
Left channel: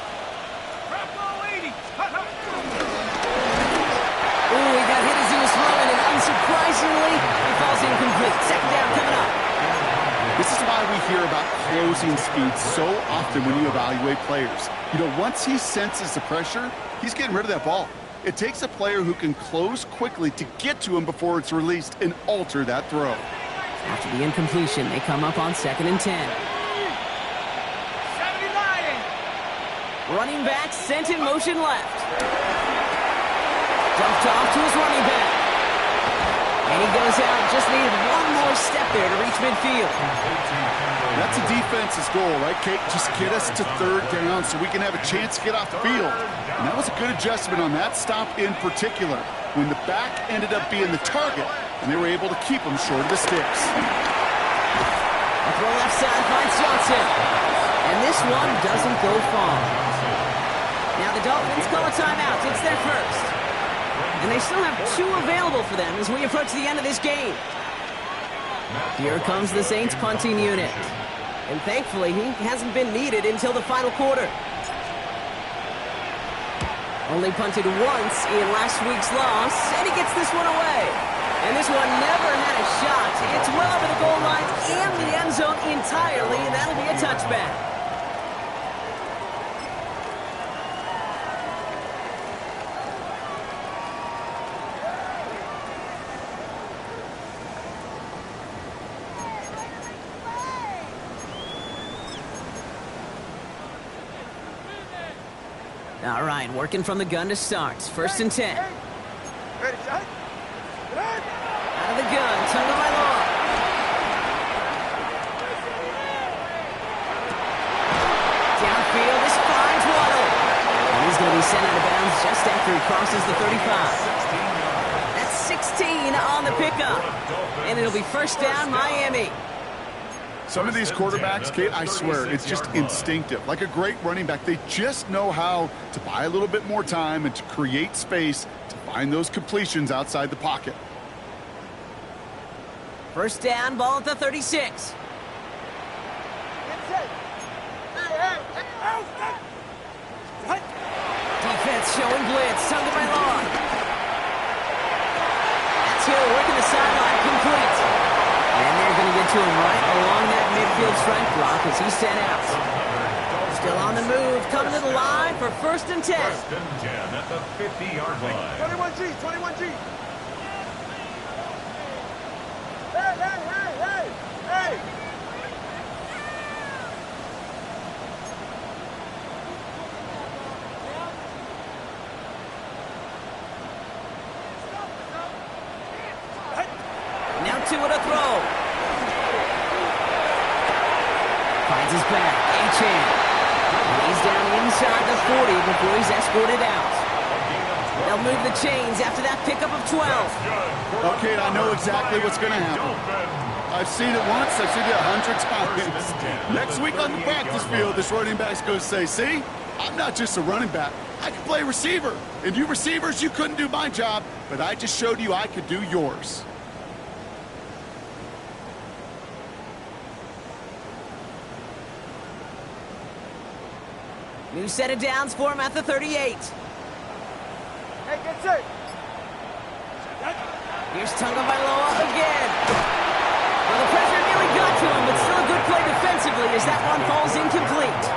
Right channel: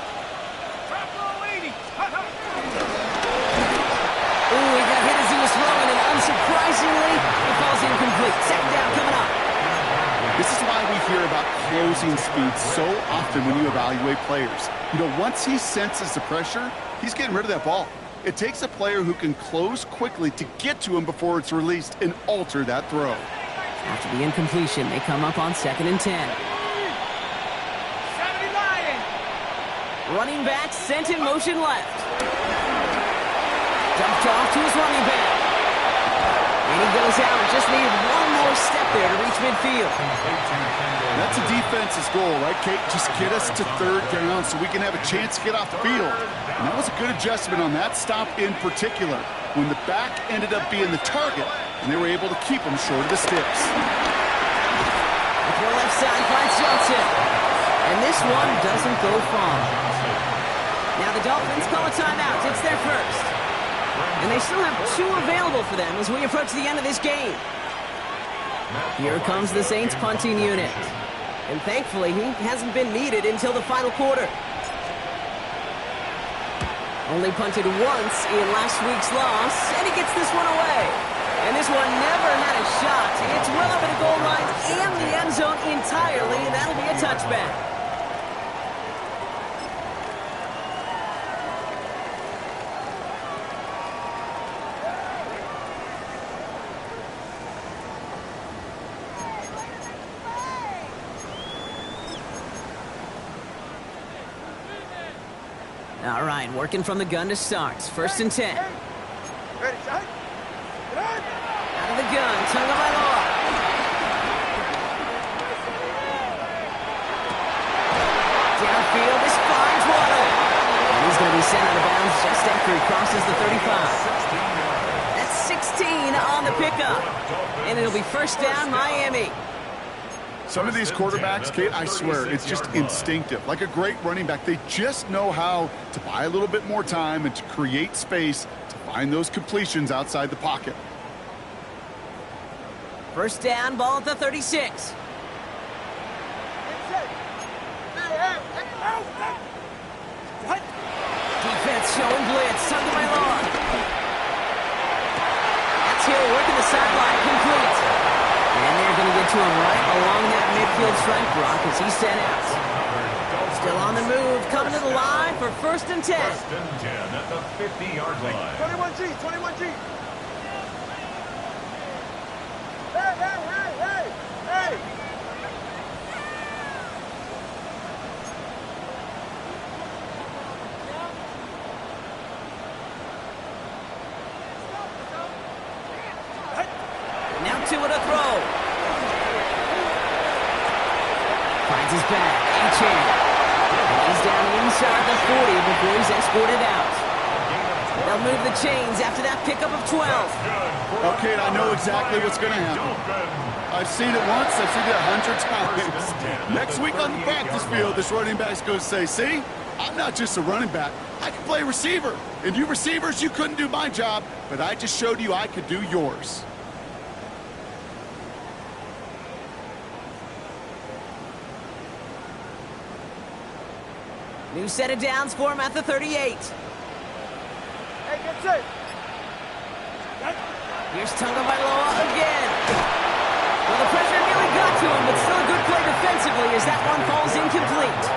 Ooh, he got hit as he was throwing, and unsurprisingly, it falls incomplete. 2nd down coming up. This is why we hear about closing speed so often when you evaluate players. You know, once he senses the pressure, he's getting rid of that ball. It takes a player who can close quickly to get to him before it's released and alter that throw. After the incompletion, they come up on 2nd and 10. 79. Running back sent in motion left. Dumped off to his running back. And he goes out. Just needed one more step there to reach midfield. That's a defense's goal, right, Kate? Just get us to 3rd down so we can have a chance to get off the field. And that was a good adjustment on that stop in particular, when the back ended up being the target, and they were able to keep him short of the sticks. A throw left side finds Johnson. And this one doesn't go far. Now the Dolphins call a timeout. It's their 1st. And they still have 2 available for them as we approach the end of this game. Here comes the Saints punting unit. And thankfully, he hasn't been needed until the final quarter. Only punted once in last week's loss, and he gets this one away. And this one never had a shot. It's well over the goal line and the end zone entirely, and that'll be a touchback. All right, working from the gun to start. 1st and 10. Ready, shot. Out of the gun, Tagovailoa. Downfield, this finds Waddle. And he's going to be sent out of bounds just after he crosses the 35. 16 yards. That's 16 on the pickup. And it'll be first down, Miami. Some of these quarterbacks, Kate, I swear, it's just instinctive. Like a great running back, they just know how to buy a little bit more time and to create space to find those completions outside the pocket. First down, ball at the 36. Defense showing blitz, Tonga by Law. That's Hill working the sideline, complete. And they're going to get to him right along that midfield strike block as he's sent out. Still on the move, coming to the line for first and 10. First and 10 at the 50-yard line. 21G, 21G. Hey, hey, hey, hey, hey. Now two at a throw. Finds his back, Achane. And he's down inside the 40 before he's escorted out. They'll move the chains after that pickup of 12. Okay, I know exactly what's going to happen. I've seen it once, I've seen it 100 times. Next week on the practice field, this running back's going to say, see, I'm not just a running back. I can play receiver. And you receivers, you couldn't do my job, but I just showed you I could do yours. New set of downs for him at the 38. Hey, get set. Here's Tonga Bailoa again. Well, the pressure nearly got to him, but still a good play defensively as that one falls incomplete.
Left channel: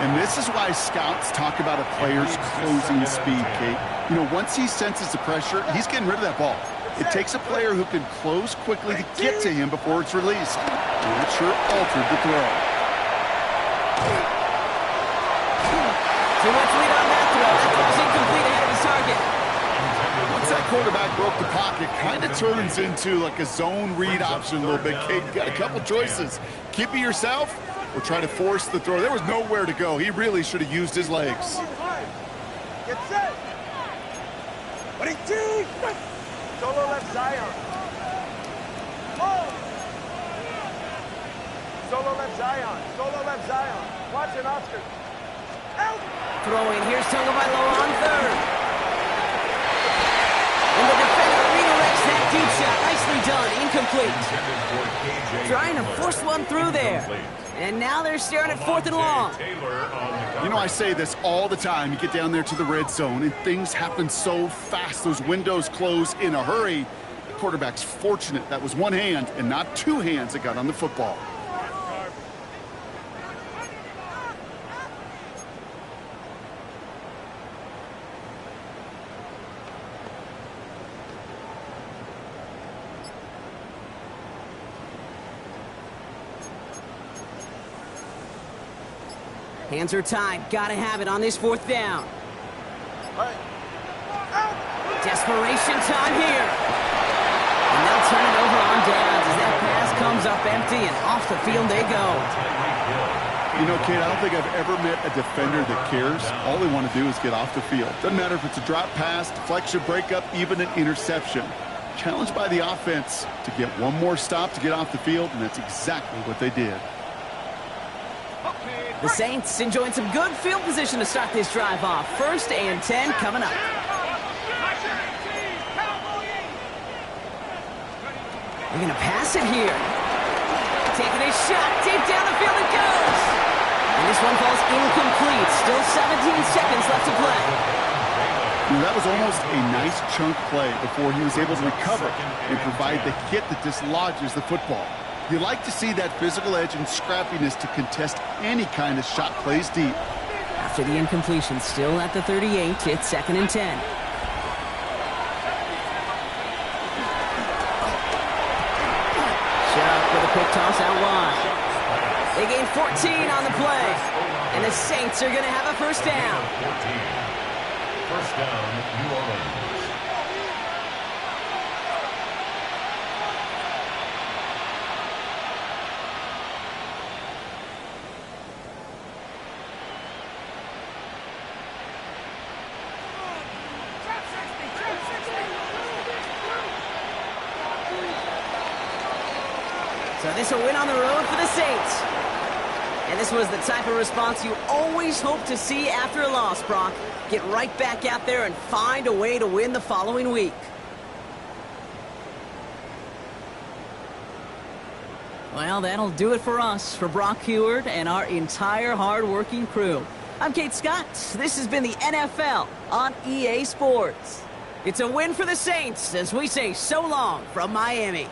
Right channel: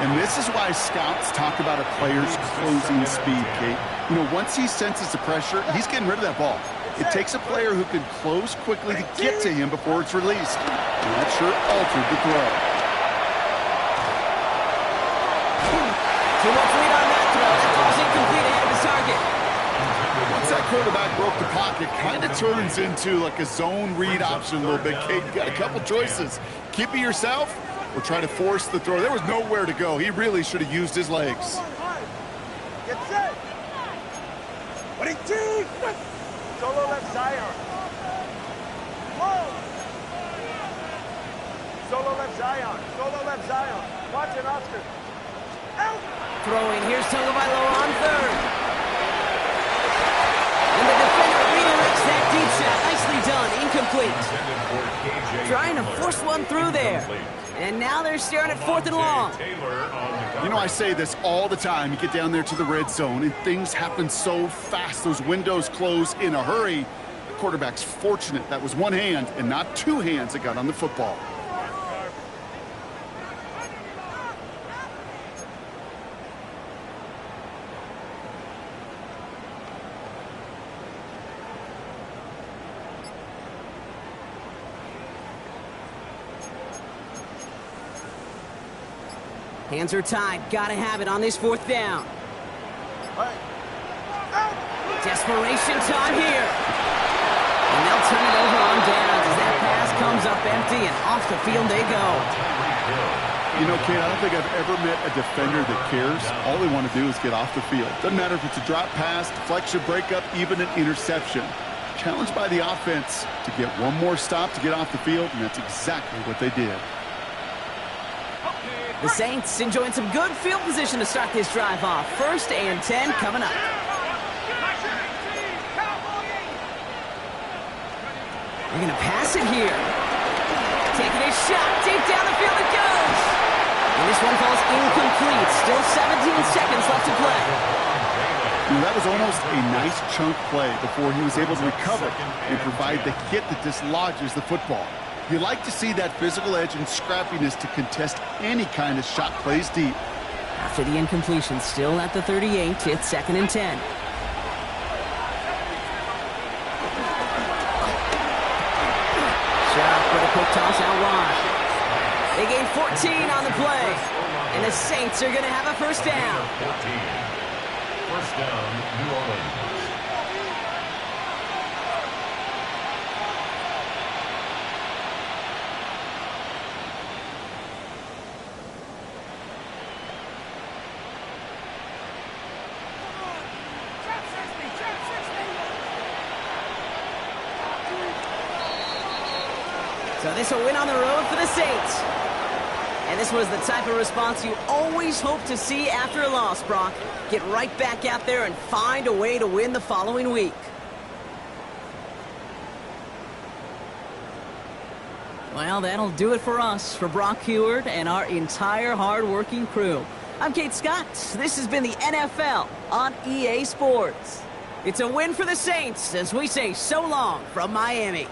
And this is why scouts talk about a player's closing speed, Kate. You know, once he senses the pressure, he's getting rid of that ball. It takes a player who can close quickly to get to him before it's released. And that sure altered the throw. Too much lead on that throw. That falls incomplete ahead of his target. Once that quarterback broke the pocket, kind of turns into like a zone read option a little bit, Kate. You got a couple choices. Keep it yourself or try to force the throw. There was nowhere to go. He really should have used his legs. Get set. 22. Solo left Zion. Solo left Zion. Solo left Zion. Watch it, Oscar. Out. Throwing, here's Tonga Bailoa on third. And the defender redirects that deep shot. Nicely done, incomplete. Trying to force one through there. And now they're staring at fourth and long. You know, I say this all the time. You get down there to the red zone, and things happen so fast. Those windows close in a hurry. The quarterback's fortunate that was one hand and not two hands that got on the football. Hands are tied. Gotta have it on this fourth down. Desperation time here. And they'll turn it over on downs as that pass comes up empty and off the field they go. You know, Kate, I don't think I've ever met a defender that cares. All they want to do is get off the field. Doesn't matter if it's a drop pass, deflection, breakup, even an interception. Challenged by the offense to get one more stop to get off the field, and that's exactly what they did. The Saints enjoying some good field position to start this drive off. First and 10 coming up. They're going to pass it here. Taking a shot. Deep down the field it goes. And this one falls incomplete. Still 17 seconds left to play. You know, that was almost a nice chunk play before he was able to recover and provide the hit that dislodges the football. You like to see that physical edge and scrappiness to contest any kind of shot plays deep. After the incompletion, still at the 38, it's second and 10. Shot with a quick toss out wide. They gain 14 on the play, and the Saints are going to have a first down. 14. First down, New Orleans. So this a win on the road for the Saints. And this was the type of response you always hope to see after a loss, Brock. Get right back out there and find a way to win the following week. Well, that'll do it for us, for Brock Heward and our entire hard-working crew. I'm Kate Scott. This has been the NFL on EA Sports. It's a win for the Saints as we say so long from Miami.